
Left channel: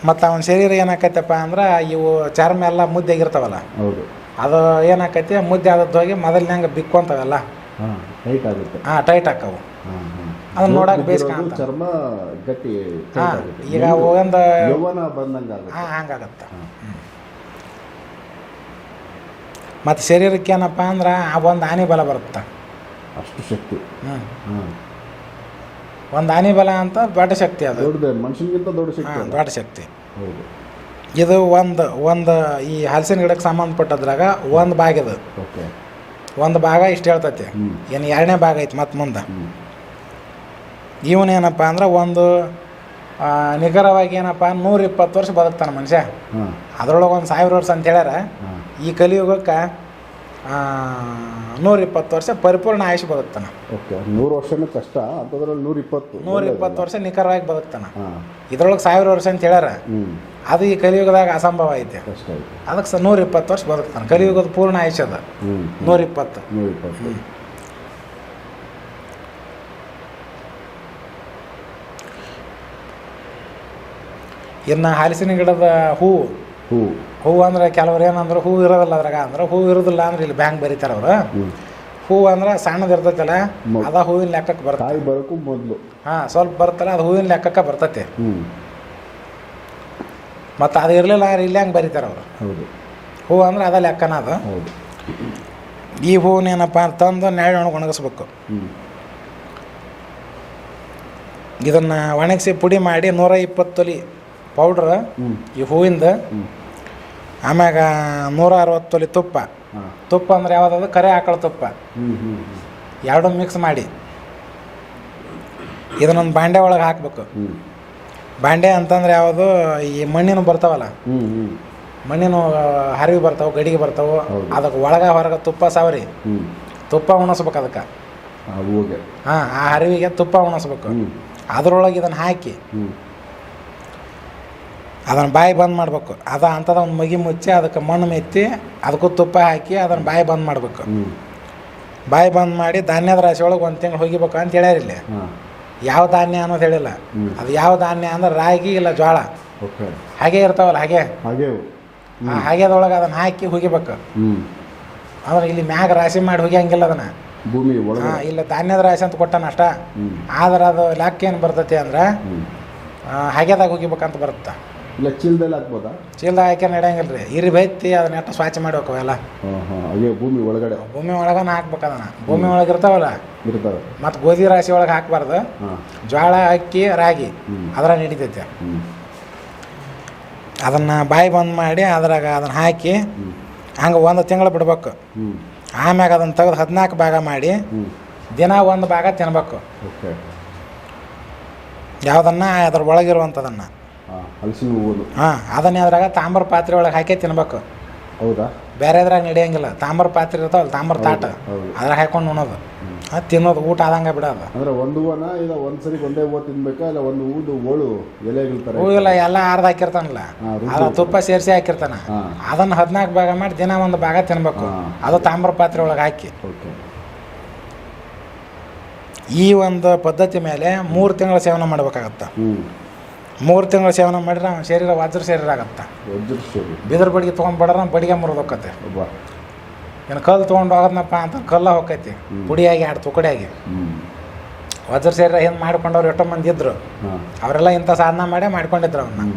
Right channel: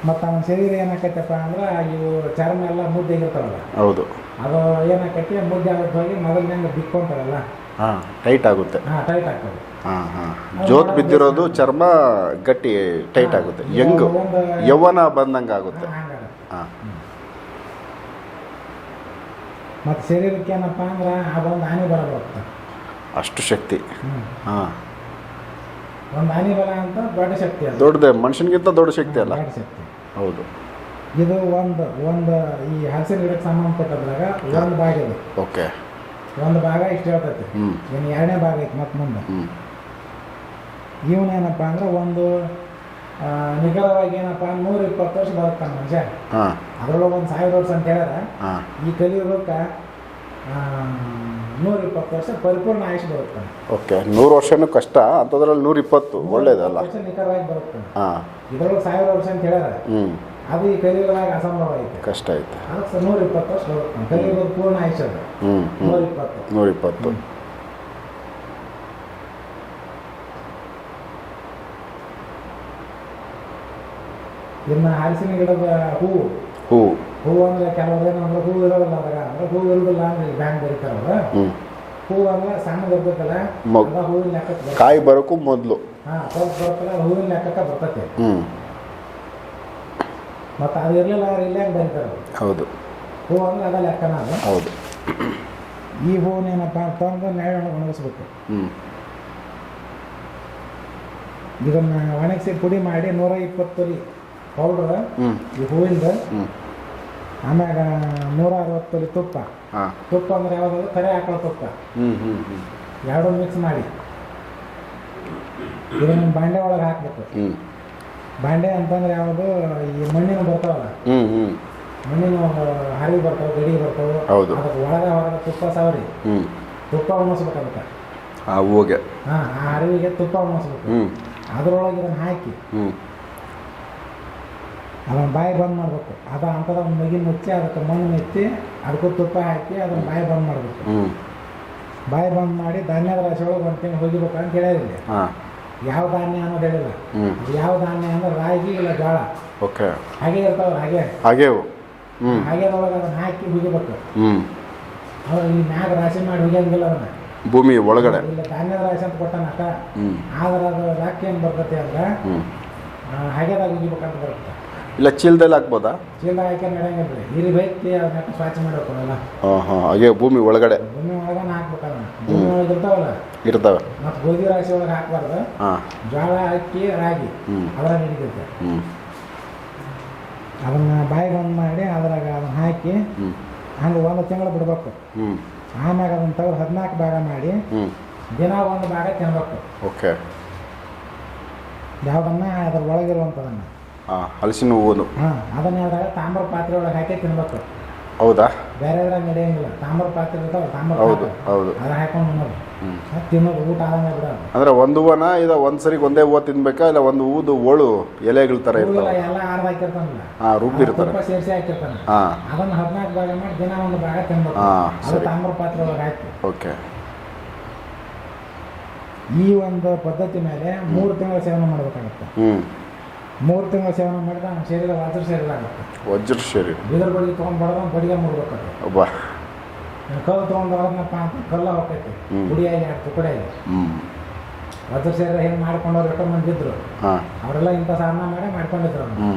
ಮತ್ತು ಅವನ ಶರೀರ ಏನಾಕೈತಪ್ಪ ಅಂದ್ರೆ ಇವು ಚರ್ಮ ಎಲ್ಲ ಮುದ್ದೆಗಿರ್ತಾವಲ್ಲ ಹೌದು. ಅದು ಏನಾಕೈತಿ ಮುದ್ದೆ ಆದದ್ದು ಹೋಗಿ ಮೊದಲಿನಂಗೆ ಬಿಕ್ಕೊಂತವಲ್ಲ ಹಾಂ ಟೈಟ್ ಆಗುತ್ತೆ. ಹಾಂ ಟೈಟ್ ಅದು ಜೋತ್ ಬಿದ್ದಿರೋದು ಚರ್ಮ ಗಟ್ಟಿ ಟೈಟ್ ಆಗುತ್ತೆ. ಯೌವನ ಬಂದಂಗೆ ಆಗುತ್ತೆ. ಹಂಗಾಗತ್ತೆ. ಮತ್ತು ಶರೀರಕ್ಕೆ ಏನಪ್ಪ ಅಂದ್ರೆ ಆ ಒಂದು ಆನೆ ಬಲ ಬರುತ್ತೆ? ಅಷ್ಟು ಶಕ್ತಿ. ಹಾಂ. ಒಂದು ಆನೆ ಬಲ ಅಂತ ದೊಡ್ಡ ಶಕ್ತಿ ಅದು. ದೊಡ್ಡದೆ ಮನುಷ್ಯನಿಗಿಂತ ದೊಡ್ಡ ಶಕ್ತಿ ಅಲ್ಲ. ದೊಡ್ಡ ಶಕ್ತಿ. ಹೌದು. ಇದು ಒಂದು ಒಂದು ಈ ಹಲಸಿನ ಗಿಡಕ್ಕೆ ಸಂಬಂಧಪಟ್ಟದ್ರಾಗ ಒಂದು ಭಾಗ ಇದು. ಓಕೆ. ಒಂದು ಭಾಗ ಇಷ್ಟು ಹೇಳ್ತೈತಿ. ಏನು ಎರಡನೇ ಭಾಗ ಐತಿ ಮತ್ತೆ ಮುಂದೆ. ಇವನೇನಪ್ಪ ಅಂದ್ರೆ ಒಂದು ನಿಖರವಾಗಿ ಏನಪ್ಪ ನೂರ ಇಪ್ಪತ್ತು ವರ್ಷ ಬದುಕ್ತಾನೆ ಮನುಷ್ಯ. ಅದ್ರೊಳಗೆ ಒಂದು ಸಾವಿರ ವರ್ಷ ಅಂತ ಹೇಳ್ಯಾರ. ಈ ಕಲಿಯುಗಕ್ಕೆ ನೂರ ಇಪ್ಪತ್ತು ವರ್ಷ ಪರಿಪೂರ್ಣ ಆಯುಷ್ ಬದುಕ್ತಾನೆ ಓಕೆ ನೂರು ವರ್ಷನೂ ಕಷ್ಟ ಅಂತದ್ರಲ್ಲಿ ನೂರ ಇಪ್ಪತ್ತು ನೂರ ಇಪ್ಪತ್ತು ವರ್ಷ ನಿಖರವಾಗಿ ಬದುಕ್ತಾನೆ ಇದ್ರೊಳಗೆ ಸಾವಿರ ವರ್ಷ ಅಂತ ಹೇಳ್ಯಾರ. ಅದು ಈ ಕಲಿಯುಗದಾಗ ಅಸಂಭವ ಐತೆ. ಕಷ್ಟ ಐತೆ. ಅದಕ್ಕೆ ನೂರ ಇಪ್ಪತ್ತು ವರ್ಷ ಬದುಕ್ತಾನೆ ಕಲಿಯುಗದ ಪೂರ್ಣ ಆಯುಷ್ ಅದ. ನೂರ ಇಪ್ಪತ್ತು ನೂರ ಇಪ್ಪತ್ತು ಇನ್ನು ಹಲಸಿನ ಗಿಡದ ಹೂವು ಹೂವು ಹೂವು ಅಂದ್ರೆ ಕೆಲವ್ರು ಏನಂದ್ರೆ ಹೂವು ಇರೋದಿಲ್ಲ ಅದ್ರಾಗ. ಅಂದ್ರೆ ಹೂವು ಇರೋದಿಲ್ಲ ಅಂದ್ರೆ ಇಲ್ಲಿ ಬ್ಯಾಂಕ್ ಬರೀತಾರೆ ಅವರು. ಹೂವು ಅಂದ್ರೆ ಸಣ್ಣದು ಇರ್ತೈತಲ್ಲ ಅದ ಹೂವಿನ ಲೆಕ್ಕಕ್ಕೆ ಬರ್ತದೆ ಕಾಯಿ ಬರೋಕ್ಕೂ ಮೊದಲು. ಹಾಂ ಸ್ವಲ್ಪ ಬರ್ತಲ್ಲ ಅದು ಹೂವಿನ ಲೆಕ್ಕಕ್ಕೆ ಬರ್ತೈತೆ. ಮತ್ತೆ ಅದು ಇರಲಿಲ್ಲ ಅಂದ್ರೆ ಇಲ್ಲಿ ಹಂಗೆ ಬರೀತಾರೆ ಅವರು. ಹೌದು. ಹೂವು ಅಂದ್ರೆ ಅದ ಲೆಕ್ಕನ ಅದು. ಹೌದು. ಈ ಹೂವನ್ನೇನಪ್ಪ ತಂದು ನೆರಳು ಒಣಗಿ ಒಣಗಿಸ್ಬೇಕು. ಇದನ್ನು ಒಣಗಿಸಿ ಪುಡಿ ಮಾಡಿ ನೂರ ಇಪ್ಪತ್ತು ತೊಲಿ ಪೌಡ್ರ್ ಈ ಹೂವಿಂದ ಆಮ್ಯಾಗ ನೂರ ಅರವತ್ತು ತೊಲಿ ತುಪ್ಪ ತುಪ್ಪ ಅಂದ್ರೆ ಯಾವುದದು ಕರೆ ಆಕಳ ತುಪ್ಪ. ಎರಡು ಮಿಕ್ಸ್ ಮಾಡಿ. ಇದನ್ನೊಂದು ಬಾಂಡೆ ಒಳಗೆ ಹಾಕಬೇಕು. ಬಾಂಡೆ ಅಂತಂದ್ರೆ ಯಾವುದು? ಈ ಮಣ್ಣಿನ ಬರ್ತಾವಲ್ಲ? ಮಣ್ಣಿನ ಹರಿವು ಬರ್ತಾವೆ ಗಡಿಗೆ ಬರ್ತಾವ. ಅದಕ್ಕೆ ಒಳಗೆ ಹೊರಗೆ ತುಪ್ಪ ಸಾವರಿ. ತುಪ್ಪ ಉಣಿಸ್ಬೇಕು ಅದಕ್ಕೆ. ಹಾಂ ಆ ಹರಿವಿಗೆ ತುಪ್ಪ ಉಣಿಸ್ಬೇಕು. ಅದ್ರೊಳಗೆ ಇದನ್ನು ಹಾಕಿ. ಅದನ್ನು ಬಾಯಿ ಬಂದ್ ಮಾಡಬೇಕು. ಅದ ಅಂಥದ್ದು ಒಂದು ಮಗಿ ಮುಚ್ಚಿ ಅದಕ್ಕೆ ಮಣ್ಣು ಮೆತ್ತಿ ಅದಕ್ಕೂ ತುಪ್ಪ ಹಾಕಿ ಅದನ್ನು ಬಾಯಿ ಬಂದ್ ಮಾಡಬೇಕು. ಬಾಯಿ ಬಂದ್ ಮಾಡಿ ಧಾನ್ಯದ ರಾಶಿ ಒಳಗೆ ಒಂದು ತಿಂಗಳು ಹೋಗಿಬೇಕು ಅಂತ ಹೇಳ್ಯಾರ ಇಲ್ಲಿ. ಯಾವ ಧಾನ್ಯ ಅನ್ನೋದು ಹೇಳಿಲ್ಲ. ಅದು ಯಾವ ಧಾನ್ಯ ಅಂದ್ರೆ ರಾಗಿ ಇಲ್ಲ ಜೋಳ ಓಕೆ. ಹಾಗೆ ಇರ್ತಾವಲ್ಲ ಹಾಗೆ? ಹಾಗೆ ಹಾಗೆದೊಳಗೆ ಅದನ್ನು ಹಾಕಿ ಹೋಗಿಬೇಕು. ಅಂದ್ರೆ ಇಲ್ಲಿ ಮ್ಯಾಗ ರಾಶಿ ಮಾಡಿ ಹುಗಿಯಂಗಿಲ್ಲ ಅದನ್ನು. ಭೂಮಿ ಒಳಗಡೆ. ಇಲ್ಲ ಧಾನ್ಯದ ರಾಶಿ ಅಂತ ಕೊಟ್ಟಾನ ಅಷ್ಟ. ಆದ್ರೆ ಅದು ಲಾಕ್ ಏನು ಬರ್ತೈತಿ ಅಂದ್ರೆ ಹಾಗೆದಾಗ ಹೋಗಿಬೇಕಂತ ಬರುತ್ತೆ? ಇಲ್ಲ ಚೀಲದಲ್ಲಿ ಹಾಕ್ಬೋದಾ? ಚೀಲ್ದಾಗ ಹಾಕಿ ನಡೆಯಂಗಿಲ್ಲ ರೀ ಇರಿ ಬೈತಿ ಅದನ್ನ ಎಷ್ಟು ಸ್ವಚ್ಛ ಮಾಡ್ಬೇಕು ಎಲ್ಲ ಹಾಂ ಹಾಂ ಹಾಗೆ ಭೂಮಿ ಒಳಗಡೆ. ಭೂಮಿ ಒಳಗನ ಹಾಕ್ಬೇಕು ಅದನ್ನ. ಭೂಮಿ ಒಳಗೆ ಇರ್ತಾವಲ್ಲ? ಇರ್ತವೆ. ಮತ್ತು ಗೋಧಿ ರಾಶಿ ಒಳಗೆ ಹಾಕ್ಬಾರ್ದು. ಹಾಂ. ಜೋಳ ಅಕ್ಕಿ ರಾಗಿ. ಅದರ ನಡೀತೈತೆ. ಹ್ಞೂ ಅದನ್ನು ಬಾಯಿ ಬಂದ್ ಮಾಡಿ ಅದ್ರಾಗ ಅದನ್ನು ಹಾಕಿ ಹಂಗೆ ಒಂದು ತಿಂಗಳು ಬಿಡ್ಬೇಕು. ಹ್ಞೂ ಆಮ್ಯಾಗ ಅದನ್ನು ತೆಗೆದು ಹದಿನಾಲ್ಕು ಭಾಗ ಮಾಡಿ ಹ್ಞೂ ದಿನ ಒಂದು ಭಾಗ ತಿನ್ಬೇಕು. ಓಕೆ. ಯಾವುದನ್ನ ಅದ್ರ ಒಳಗಿರುವಂಥದನ್ನು ಹಲಸಿನ ಹೂವು ಹಾಂ ಅದನ್ನೇ ಅದ್ರಾಗ ತಾಮ್ರ ಪಾತ್ರೆ ಒಳಗೆ ಹಾಕಿ ತಿನ್ಬೇಕು. ಹೌದಾ? ಬೇರೆ ಅದ್ರಾಗ ನಡೆಯಂಗಿಲ್ಲ. ತಾಮ್ರ ಪಾತ್ರೆ ಇರ್ತಾವಲ್ಲ ತಾಮ್ರ ತಾಟ. ಹೌದು ಅದ್ರಾಗ ಹಾಕೊಂಡು ಉಣೋದು. ಅದು ತಿನ್ನೋದು ಊಟ ಆದಂಗೆ ಬಿಡೋದು. ಅಂದ್ರೆ ಒಂದು ಹೂವನ ಇದು ಒಂದು ಸರಿ ಒಂದೇ ಹೂವು ತಿನ್ಬೇಕಾ ಇಲ್ಲ ಒಂದು ಹೂದು ಓಳು ಎಲೆಗಳ ಥರ ಹೂವಿಲ್ಲ ಎಲ್ಲ ಅರ್ಧ ಹಾಕಿರ್ತಾನಲ್ಲ. ಹಾಂ ತುಪ್ಪ ಸೇರಿಸಿ ಹಾಕಿರ್ತಾನ. ಅದನ್ನ ಅದನ್ನು ಹದಿನಾಲ್ಕು ಭಾಗ ಮಾಡಿ ದಿನ ಒಂದು ಭಾಗ ತಿನ್ಬೇಕು. ಹಾ, ಅದು ತಾಮ್ರ ಪಾತ್ರೆ ಒಳಗೆ ಹಾಕಿ. ಓಕೆ. ಈ ಒಂದು ಪದ್ಧತಿ ಮೇಲೆ ಮೂರು ತಿಂಗಳ ಸೇವನೆ ಮಾಡ್ಬೇಕಾಗತ್ತೆ. ಹ್ಞೂ ಮೂರು ತಿಂಗಳು ಸೇವನೆ ಮಾಡಿದ್ರೆ ಅವ್ನ ಶರೀರ ವಜ್ರ ಶರೀರ ಆಗುತ್ತೆ. ವಜ್ರ ಶರೀರ. ಬಿದಿರು ಬಡಿಗೆ ತೊಗೊಂಡ್ಬಿಡ್ರೆ ಬಡಿಗೆ ಮುರಿದೋಕತ್ತೆ ಒಬ್ಬ. ಇನ್ನು ಕಲ್ಲು ತೊಗೊಂಡು ಹೋಗೋದ್ನಪ್ಪ ಅಂತ ಕಲ್ಲ ಹೋಗೈತಿ ಪುಡಿಯಾಗಿ ಎರಡು ತುಕಡಿಯಾಗಿ ವಜ್ರ ಶರೀರ ಹಿಂಗೆ ಮಾಡ್ಕೊಂಡವ್ರು ಎಷ್ಟೋ ಮಂದಿ ಇದ್ರು. ಅವರೆಲ್ಲ ಇಂಥ ಸಾಧನ ಮಾಡೇ ಮಾಡ್ಕೊಂಡಿದ್ರು ಅವನ್ನ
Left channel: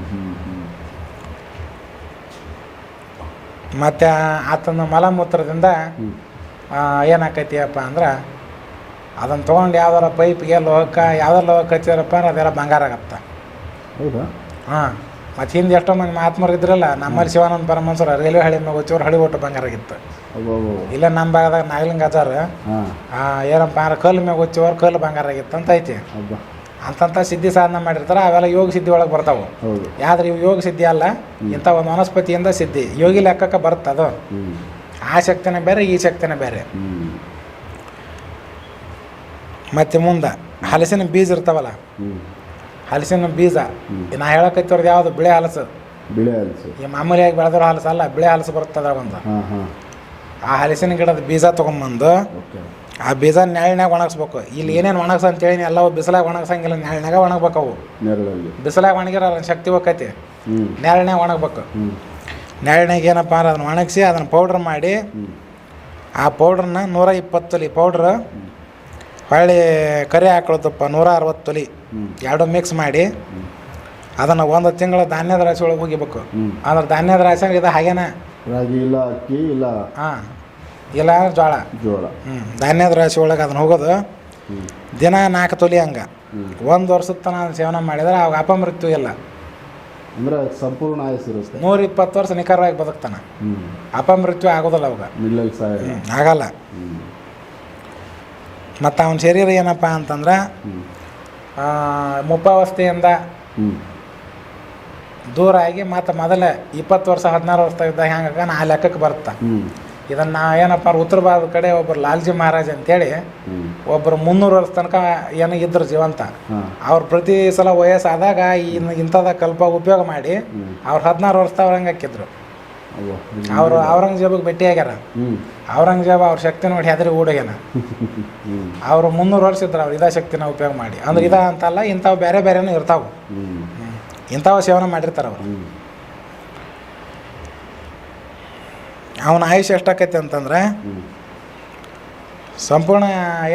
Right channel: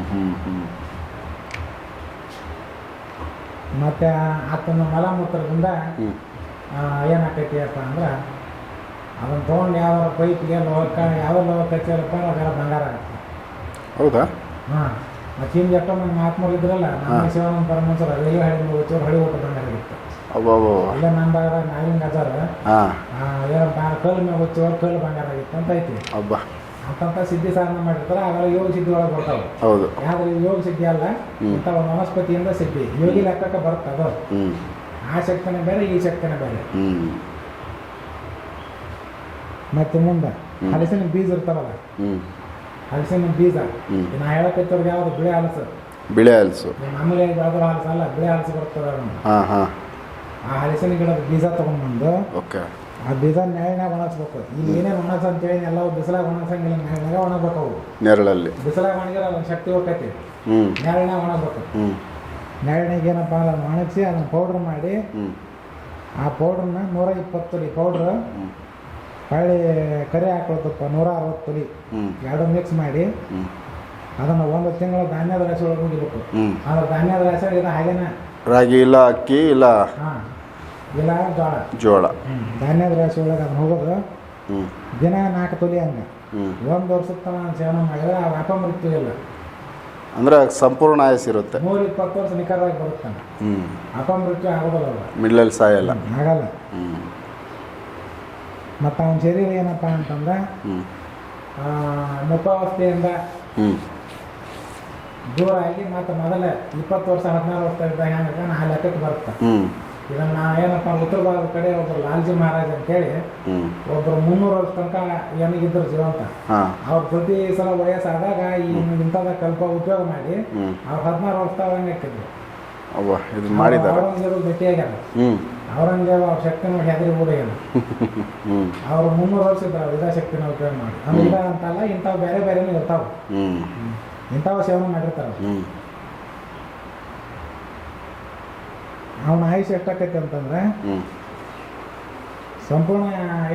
ಮತ್ತು ಆತನ ಮಲಮೂತ್ರದಿಂದ ಹ್ಞೂ ಏನಾಕೈತಿ ಅಪ್ಪ ಅಂದ್ರೆ ಅದನ್ನು ತೊಗೊಂಡು ಯಾವ್ದಾರ ಪೈಪ್ಗೆ ಲೋಹಕ್ಕೆ ಯಾವ್ದಾರ ಲೋಹಕ್ಕೆ ಹಚ್ಚಿದ್ರಪ್ಪ ಅದೆಲ್ಲ ಬಂಗಾರ ಆಗತ್ತೆ. ಹೌದಾ? ಹಾಂ ಮತ್ತು ಹಿಂದೆ ಎಷ್ಟೋ ಮಂದಿ ಮಹಾತ್ಮರು ಇದ್ರಲ್ಲ ನಮ್ಮಲ್ಲಿ ಶಿವಾನಂದ ಪರಮಹಂಸರು ರೈಲ್ವೆ ಹಳಿ ಮೇಲೆ ಚೂರು ಹಳಿ ಒಟ್ಟು ಬಂಗಾರಾಗಿತ್ತು ಇಲ್ಲ ನಮ್ಮ ಭಾಗದಾಗ ನಾಗಲಿಂಗ ಆಚಾರ ಹಾಂ. ಏನಪ್ಪ ಅಂದ್ರೆ ಕಲ್ಲು ಮ್ಯಾಗ ಹೊಚ್ಚೋರು ಕಲ್ಲು ಬಂಗಾರ ಆಗಿತ್ತು ಅಂತ ಐತಿ. ಅಂತಂತ ಸಿದ್ಧಿ ಸಾಧನೆ ಮಾಡಿರ್ತಾರೆ ಅವೆಲ್ಲ ಯೋಗ ಸಿದ್ಧಿ ಒಳಗೆ ಬರ್ತಾವೆ. ಹೌದು. ಯಾವ್ದು ಇವು ಯೋಗ ಸಿದ್ಧಿ ಅಲ್ಲ ಇಂಥ ಒಂದು ವನಸ್ಪತಿಯಿಂದ ಸಿದ್ಧಿ. ಯೋಗಿ ಲೆಕ್ಕಕ್ಕೆ ಬರುತ್ತೆ ಅದು. ಆ ಶಕ್ತಿನೇ ಬೇರೆ ಈ ಶಕ್ತಿನೇ ಬೇರೆ. ಮತ್ತೆ ಮುಂದೆ ಹಲಸಿನ ಬೀಜ ಇರ್ತಾವಲ್ಲ ಹಲಸಿನ ಬೀಜ. ನಾ ಹೇಳಕತ್ತಿರೋದು ಯಾವುದು? ಬಿಳೆ ಹಲಸು. ಬಿಳೆ ಹಲಸು. ಈ ಮಾಮೂಲಿಯಾಗಿ ಬೆಳೆದ್ರ ಹಲಸು ಅಲ್ಲ ಬಿಳೆ ಹಲಸು ಬರ್ತದ ಒಂದು ಹಾಂ ಹಾಂ. ಆ ಹಲಸಿನ ಗಿಡದ ಬೀಜ ತೊಗೊಂಬಂದು ಓಕೆ. ಆ ಬೀಜ ನೆರಳಿನಾಗ ಒಣಗಿಸ್ಬೇಕು. ಇಲ್ಲಿ ಏನೇನು ಒಣಗ್ಸ ಅಂತೇಳಿ ಎಲ್ಲ ಬಿಸಿಲಾಗ ಒಣಗ್ಸಂಗಿಲ್ಲ ನೆರಳಿನಾಗ ಒಣಗ್ಬೇಕು ಅವು. ನೆರಳಲ್ಲಿ. ಬಿಸಿಲಾಗ ಒಣಗಿರ ಶಕ್ತಿ ಹೋಗೈತಿ ನೆರಳಿನಾಗ ಒಣಗ್ಬೇಕು. ನೆರಳಿನಾಗ ಏನಪ್ಪ ಅಂದ್ರೆ ಅದನ್ನ ಒಣಗಿಸಿ ಅದನ್ನು ಪೌಡ್ರ್ ಮಾಡಿ ಆ ಪೌಡ್ರನ್ನ ನೂರ ಇಪ್ಪತ್ತು ತೊಲಿ ಪೌಡ್ರ್ ಹೊಳ್ಳಿ ಕರಿ ಹಾಕೊಳ್ತಪ್ಪ ನೂರ ಅರವತ್ತು ತೊಲಿ. ಎರಡು ಮಿಕ್ಸ್ ಮಾಡಿ. ಅದನ್ನು ಒಂದು ತಿಂಗಳ ಧಾನ್ಯದ ರಾಶಿ ಒಳಗೆ ಹೋಗಿಬೇಕು. ಅಂದ್ರೆ ಧಾನ್ಯದ ರಾಶಿ ಇದು ಹಾಗೇನ? ರಾಗಿ ಇಲ್ಲ ಅಕ್ಕಿ ಇಲ್ಲ. ಹಾಂ. ಇಲ್ಲ ಜೋಳ. ಜೋಳ. ಹ್ಞೂ ಧಾನ್ಯದ ರಾಶಿ ಒಳಗೆ ಅದನ್ನ ಹೋಗೋದು. ದಿನ ನಾಲ್ಕು ತೊಲಿ ಹಂಗೆ. ಒಂದು ವರ್ಷದ ತನಕ ಸೇವನೆ ಮಾಡಿದ್ರೆ ಅವಾಗ ಅಪಮೃತ್ಯು ಇಲ್ಲ. ಅಂದ್ರೆ ಸಂಪೂರ್ಣ ಆಯಸ್ಸಿರುತ್ತೆ ನೂರ ಇಪ್ಪತ್ತು ವರ್ಷ ನಿಖರವಾಗಿ ಬದುಕ್ತಾನೆ. ಅಪಮೃತ್ಯು ಆಗೋದಿಲ್ಲ ಅವಾಗ. ಮಿಡ್ಲಲ್ಲಿ ಸಾಯಲ್ಲ. ಆಗಲ್ಲ. ಮತ್ತು ಅವನ ಶರೀರ ಏನಪ್ಪ ಅಂತಂದ್ರೆ ಮುಪ್ಪಾವಸ್ಥೆಯಿಂದ ದೂರ ಆಗಿ ಮತ್ತು ಮೊದಲೇ ಇಪ್ಪತ್ತು ವರ್ಷ ಹದಿನಾರು ವರ್ಷ ಇದ್ದ ಹೆಂಗ ನಾ ಲೆಕ್ಕಕ್ಕೆ ಬರುತ್ತೆ. ಹ್ಞೂ ಇದನ್ನು ನಾವು ಏನಪ್ಪ ಉತ್ತರ ಭಾರತದ ಕಡೆ ಒಬ್ಬರು ಲಾಲ್ಜಿ ಮಹಾರಾಜ್ ಅಂತೇಳಿ ಹೇಳಿ ಒಬ್ಬರು ಮುನ್ನೂರು ವರ್ಷ ತನಕ ಏನು ಇದ್ರು ಜೀವಂತ. ಅವ್ರ ಅವ್ರು ಪ್ರತಿ ಸಲ ವಯಸ್ಸಾದಾಗ ಇನ್ನು ಇಂಥದ ಕಲ್ಪ ಉಪಯೋಗ ಮಾಡಿ ಅವ್ರ ಅವ್ರು ಹದಿನಾರು ವರ್ಷ ಅವ್ರಂಗೆ ಹಾಕಿದ್ರು. ಅವ್ವ ಇದು ಅವ್ರು ಮಾಡಿದ. ಔರಂಗಜೇಬಿಗೆ ಭೇಟಿ ಆಗ್ಯಾರ. ಹ್ಞೂ ಔರಂಗಜೇಬ ಅವ್ರ ಶಕ್ತಿ ನೋಡಿ ಹೆದರಿ ಓಡೋಗ್ಯಾನ. ಅವ್ರು ಮುನ್ನೂರು ವರ್ಷ ಇದ್ರು ಅವ್ರು ಇದಾ ಶಕ್ತಿನ ಉಪಯೋಗ ಮಾಡಿ. ಅಂದ್ರೆ ಇದ ಅಂತಲ್ಲ ಇಂಥವು ಬೇರೆ ಬೇರೆನೂ ಇರ್ತಾವೆ. ಹ್ಞೂ ಇಂಥವು ಸೇವನೆ ಮಾಡಿರ್ತಾರೆ ಅವ್ರು. ಹ್ಞೂ ಅವನ ಆಯುಷ್ ಎಷ್ಟಾಕೈತೆ ಅಂತಂದ್ರೆ ಹ್ಞೂ ಸಂಪೂರ್ಣ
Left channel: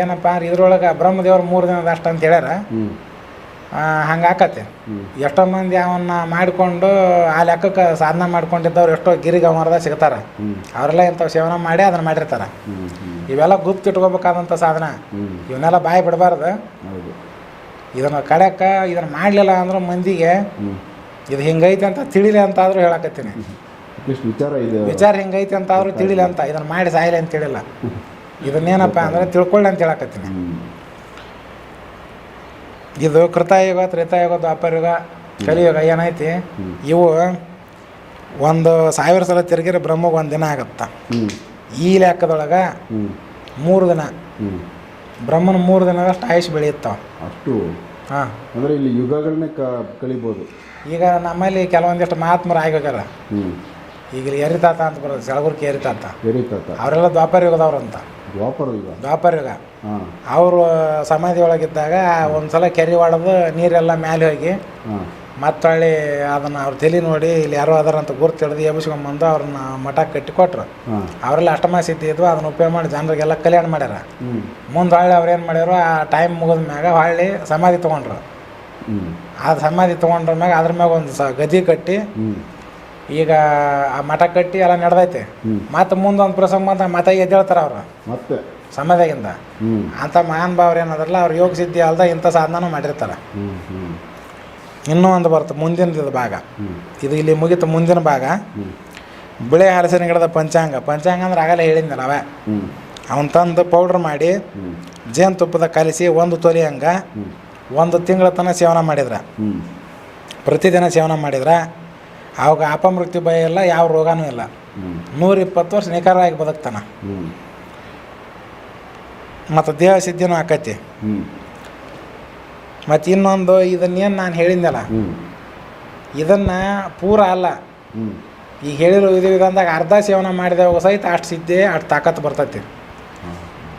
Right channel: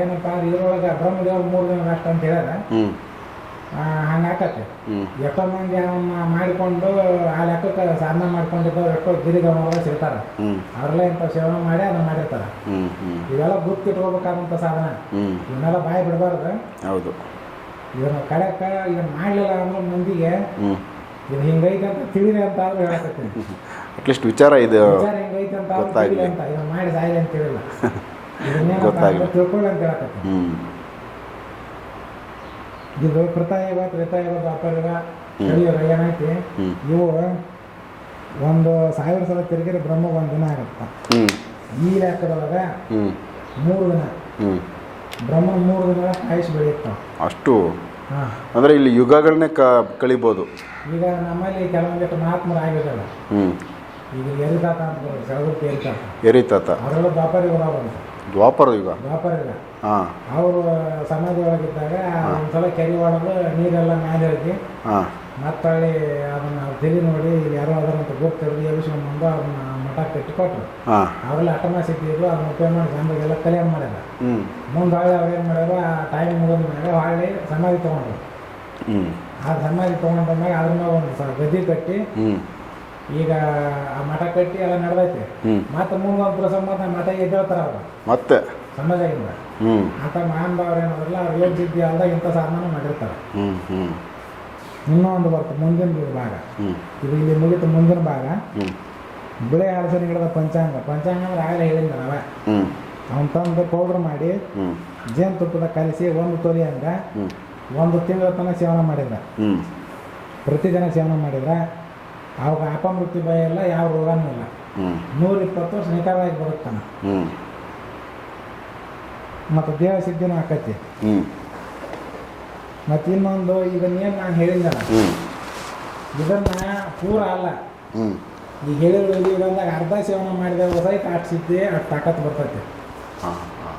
ಏನಪ್ಪ ಅಂದ್ರೆ ಇದ್ರೊಳಗೆ ಬ್ರಹ್ಮದೇವ್ರು ಮೂರು ದಿನದ ಅಷ್ಟು ಅಂತ ಹೇಳ್ಯಾರ. ಹ್ಞೂ ಹಂಗೆ ಆಕತ್ತೆ ಹ್ಞೂ ಎಷ್ಟೋ ಮಂದಿ ಅವನ್ನ ಮಾಡಿಕೊಂಡು ಆ ಲೆಕ್ಕಕ್ಕೆ ಸಾಧನೆ ಮಾಡ್ಕೊಂಡಿದ್ದವ್ರು ಎಷ್ಟೋ ಗಿರಿಗಮರದ ಸಿಗ್ತಾರೆ. ಅವರೆಲ್ಲ ಇಂಥವು ಸೇವನೆ ಮಾಡಿ ಅದನ್ನ ಮಾಡಿರ್ತಾರೆ. ಇವೆಲ್ಲ ಗುರ್ತಿಟ್ಕೋಬೇಕಾದಂಥ ಸಾಧನ. ಇವನ್ನೆಲ್ಲ ಬಾಯಿ ಬಿಡಬಾರ್ದು. ಹೌದು. ಇದನ್ನು ಕಡೆಕ ಇದನ್ನು ಮಾಡಲಿಲ್ಲ ಅಂದ್ರೆ ಮಂದಿಗೆ ಇದು ಹಿಂಗೈತೆ ಅಂತ ತಿಳಿಲಿ ಅಂತ ಆದರೂ ಹೇಳಕತ್ತೀನಿ ಅಟ್ಲೀಸ್ಟ್ ವಿಚಾರ ಇದು. ವಿಚಾರ ಹಿಂಗೈತೆ ಅಂತ ಆದ್ರೂ ತಿಳಿಲಿ ಅಂತ. ಇದನ್ನು ಮಾಡಿ ಸಾಯಿಲ್ಲ ಅಂತ ಹೇಳಿಲ್ಲ. ಇದನ್ನೇನಪ್ಪ ಅಂದ್ರೆ ತಿಳ್ಕೊಳ್ಳಿ ಅಂತ ಹೇಳಕತ್ತೀನಿ. ಇದು ಕೃತಯುಗ ತ್ರೇತಾಯುಗ ದ್ವಾಪರಯುಗ ಕಲಿಯುಗ ಏನೈತಿ? ಇವು ಒಂದು ಸಾವಿರ ಸಲ ತಿರುಗಿದ್ರೆ ಬ್ರಹ್ಮಗೆ ಒಂದು ದಿನ ಆಗತ್ತ? ಈ ಲೆಕ್ಕದೊಳಗೆ ಮೂರು ದಿನ. ಬ್ರಹ್ಮನ ಮೂರು ದಿನದಷ್ಟು ಆಯುಷ್ ಬೆಳೆಯುತ್ತಾವ ಅಷ್ಟು. ಹಾಂ. ಅಂದರೆ ಇಲ್ಲಿ ಯುಗಗಳನ್ನೇ ಕ ಕಳಿಬೋದು. ಈಗ ನಮ್ಮಲ್ಲಿ ಕೆಲವೊಂದಿಷ್ಟು ಮಹಾತ್ಮರು ಆಗಿರ್ತಾರ ಈಗ ಎರಿತಾತ ಅಂತ ಬರೋದು ಸೆಳಗುರ್ಕಿ ಎರಿತಾತ ಎರಿತಾತ ಅವರೆಲ್ಲ ದ್ವಾಪರ ಯುಗದವ್ರು ಅಂತ. ದ್ವಾಪರ ಯುಗ. ದ್ವಾಪರ ಯುಗ. ಅವರು ಸಮಾಧಿ ಒಳಗಿದ್ದಾಗ ಒಂದ್ಸಲ ಕೆರೆ ಹೊಡೆದು ನೀರೆಲ್ಲ ಮ್ಯಾಲೆ ಹೋಗಿ ಮತ್ತೆ ಮತ್ತೊಳ್ಳಿ ಅದನ್ನು ಅವ್ರ ತಲೆ ನೋಡಿ ಇಲ್ಲಿ ಯಾರೋ ಅದಾರಂತ ಗುರ್ತು ಹಿಡಿದು ಎಬ್ಬಿಸ್ಕೊಂಬಂದು ಅವ್ರನ್ನ ಮಠ ಕಟ್ಟಿ ಕೊಟ್ರು ಅವರೆಲ್ಲ ಅಷ್ಟಮ ಸಿದ್ಧಿ ಇದ್ವು ಅದನ್ನ ಉಪಯೋಗ ಮಾಡಿ ಜನರಿಗೆಲ್ಲ ಕಲ್ಯಾಣ ಮಾಡ್ಯಾರ. ಮುಂದೆ ಹೊಳ್ಳಿ ಅವ್ರು ಏನು ಮಾಡ್ಯಾರು ಆ ಟೈಮ್ ಮುಗಿದ ಮ್ಯಾಗ ಹೊಳ್ಳಿ ಸಮಾಧಿ ತೊಗೊಂಡ್ರು. ಆ ಸಮಾಧಿ ತೊಗೊಂಡ್ರ ಮ್ಯಾಗ ಅದ್ರ ಮ್ಯಾಗ ಒಂದು ಸ ಗದಿ ಕಟ್ಟಿ ಈಗ ಆ ಮಠ ಕಟ್ಟಿ ಎಲ್ಲ ನಡೆದೈತೆ. ಮತ್ತೆ ಮುಂದೊಂದು ಪ್ರಸಂಗ ಅಂತ ಮತ್ತೆ ಎದ್ದೇಳ್ತಾರ ಅವ್ರು. ಮತ್ತೆ? ಸಮಾಧಿಯಿಂದ ಅಂತ ಮಹಾನ್ ಭಾವ್ರು ಏನದ್ರಲ್ಲ ಅವ್ರು ಯೋಗ ಸಿದ್ಧಿ ಅಲ್ದ ಇಂಥ ಸಾಧನ ಮಾಡಿರ್ತಾರೆ. ಇನ್ನೂ ಒಂದು ಬರುತ್ತೆ ಮುಂದಿನ ಭಾಗ. ಇದು ಇಲ್ಲಿ ಮುಗಿತು ಮುಂದಿನ ಭಾಗ. ಬಿಳೆ ಹಲಸಿನ ಗಿಡದ ಪಂಚಾಂಗ. ಪಂಚಾಂಗ ಅಂದ್ರೆ ಆಗಲೇ ಹೇಳಿದ್ನಲ್ಲ ಅವೇ. ಅವನು ತಂದು ಪೌಡ್ರ್ ಮಾಡಿ ಜೇನ್ ಜೇನುತುಪ್ಪದ ಕಲಿಸಿ ಒಂದು ತೊಲಿ ಹಂಗ ಒಂದು ತಿಂಗಳ ತನಕ ಸೇವನ ಮಾಡಿದ್ರೆ. ಪ್ರತಿದಿನ ಸೇವನ ಮಾಡಿದ್ರೆ. ಅವಾಗ ಅಪಮೃತ್ಯು ಭಯ ಇಲ್ಲ ಯಾವ ರೋಗನೂ ಇಲ್ಲ. ಹ್ಞೂ ನೂರ ಇಪ್ಪತ್ತು ವರ್ಷ ನಿಖರವಾಗಿ ಬದುಕ್ತಾನ. ಮತ್ತು ದೇಹ ಸಿದ್ಧಿನೂ ಆಕೈತಿ. ಮತ್ತು ಇನ್ನೊಂದು ಇದನ್ನೇನು ನಾನು ಹೇಳಿದ್ನಲ್ಲ? ಇದನ್ನು ಪೂರ ಅಲ್ಲ. ಈಗ ಹೇಳಿರೋ ಇದು ವಿಧಾನದಾಗ ಅರ್ಧ ಸೇವನೆ ಮಾಡಿದಾಗ ಸಹಿತ ಅಷ್ಟು ಸಿದ್ಧಿ ಅಷ್ಟು ತಾಕತ್ತು ಬರ್ತೈತಿ.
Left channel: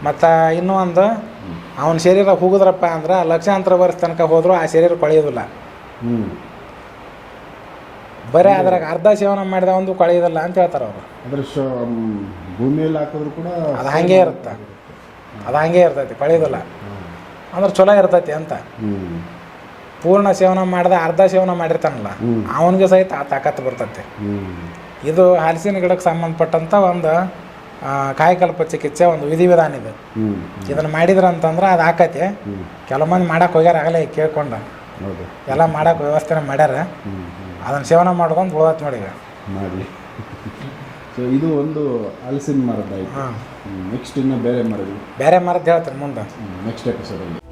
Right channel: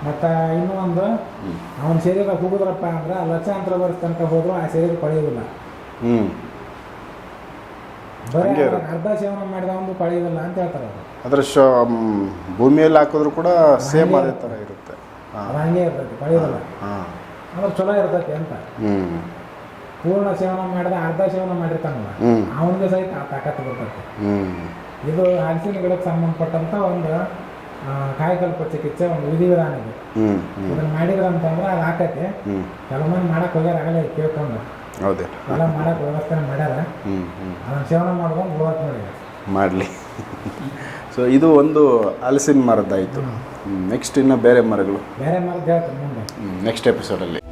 ಮತ್ತು ಇನ್ನೂ ಒಂದು ಅವನ ಶರೀರ ಹೋಗಿದ್ರಪ್ಪ ಅಂದ್ರೆ ಲಕ್ಷಾಂತರ ವರ್ಷ ತನಕ ಹೋದರೂ ಆ ಶರೀರ ಕೊಳೆಯೋದಿಲ್ಲ. ಬರೀ ಅದ್ರಾಗ ಅರ್ಧ ಸೇವನ ಮಾಡಿದ ಒಂದು ಕಳೆಯೋದಿಲ್ಲ ಅಂತ ಹೇಳ್ತಾರೆ ಅವರು. ಅದ್ರ ಶ ಭೂಮಿಯಲ್ಲಿ ಹಾಕಿದ್ರು ಕೂಡ ಅದು ಹಾಗೆ ಇರುತ್ತೆ. ಆಗಿರುತ್ತೆ ಅದು ಹಂಗೆ ಇರ್ತೈತಿ ಕಳೆಯೋದಿಲ್ಲ. ಹಾಂ. ಅಂದ್ರೆ ಚಲೋ ಇರ್ತೈತಿ ಅಂತ. ಹ್ಞೂ ಪೂರ್ಣ ಸೇವನ ಮಾಡಿದ ಅರ್ಧ ಸೇವನ ಮಾಡಿರ್ತಾನಲ್ಲ. ಅವನಿಗೆ ಸಹಿತ ಆ ತಾಕತ್ತು ಬರ್ತೈತಿ. ಹ್ಞೂ ಇದು ಹಲಸಿನ ಗಿಡಕ್ಕೆ ಸಂಬಂಧಪಟ್ಟಂಥ ಒಂದು ಆ, ಕಾಯಕಲ್ಪ ಚಿಕಿತ್ಸೆ ಒಂದು ವಿಧಿವಿಧಾನ ಇದು. ಹ್ಞೂ ಇದನ್ನು ಮಾಡಿದ್ರಂತಂದ್ರೆ ಅದು ಆಕತಿ. ಕೆಲವು ಮಂದಿ ಮಾಡಕ್ಕೆ ಹೋಗ್ಯಾರ ಆಗಲೇ ಕೇಳ್ಕೊಂಡು. ಹೌದೇ. ಎಲ್ಲ ಮಾಡಕ್ಕೆ ವ್ಯವಸ್ಥೆನ ಮಾಡ್ಯಾರ. ಅದನ್ನು ಸೇವನೆ ಮಾಡ್ಕೊಂಡು ಉಳ್ದೈತೆ ನೋಡಿ. ಮಾಡಲಿ. ಸೊ ಇದು ಒಂದು ಹಲಸಿನ ಮರದ್ದಾಯಿತು. ನೆಕ್ಸ್ಟ್ ಇನ್ನು ಬೇರೆ ಮರಗಳು. ಬೇರೆ ಮರದ್ದು ಹೇಳ್ತಾರೆ ಮುಂದೆ. ನೆಕ್ಸ್ಟ್ ಎಪಿಸೋಡಲ್ಲಿ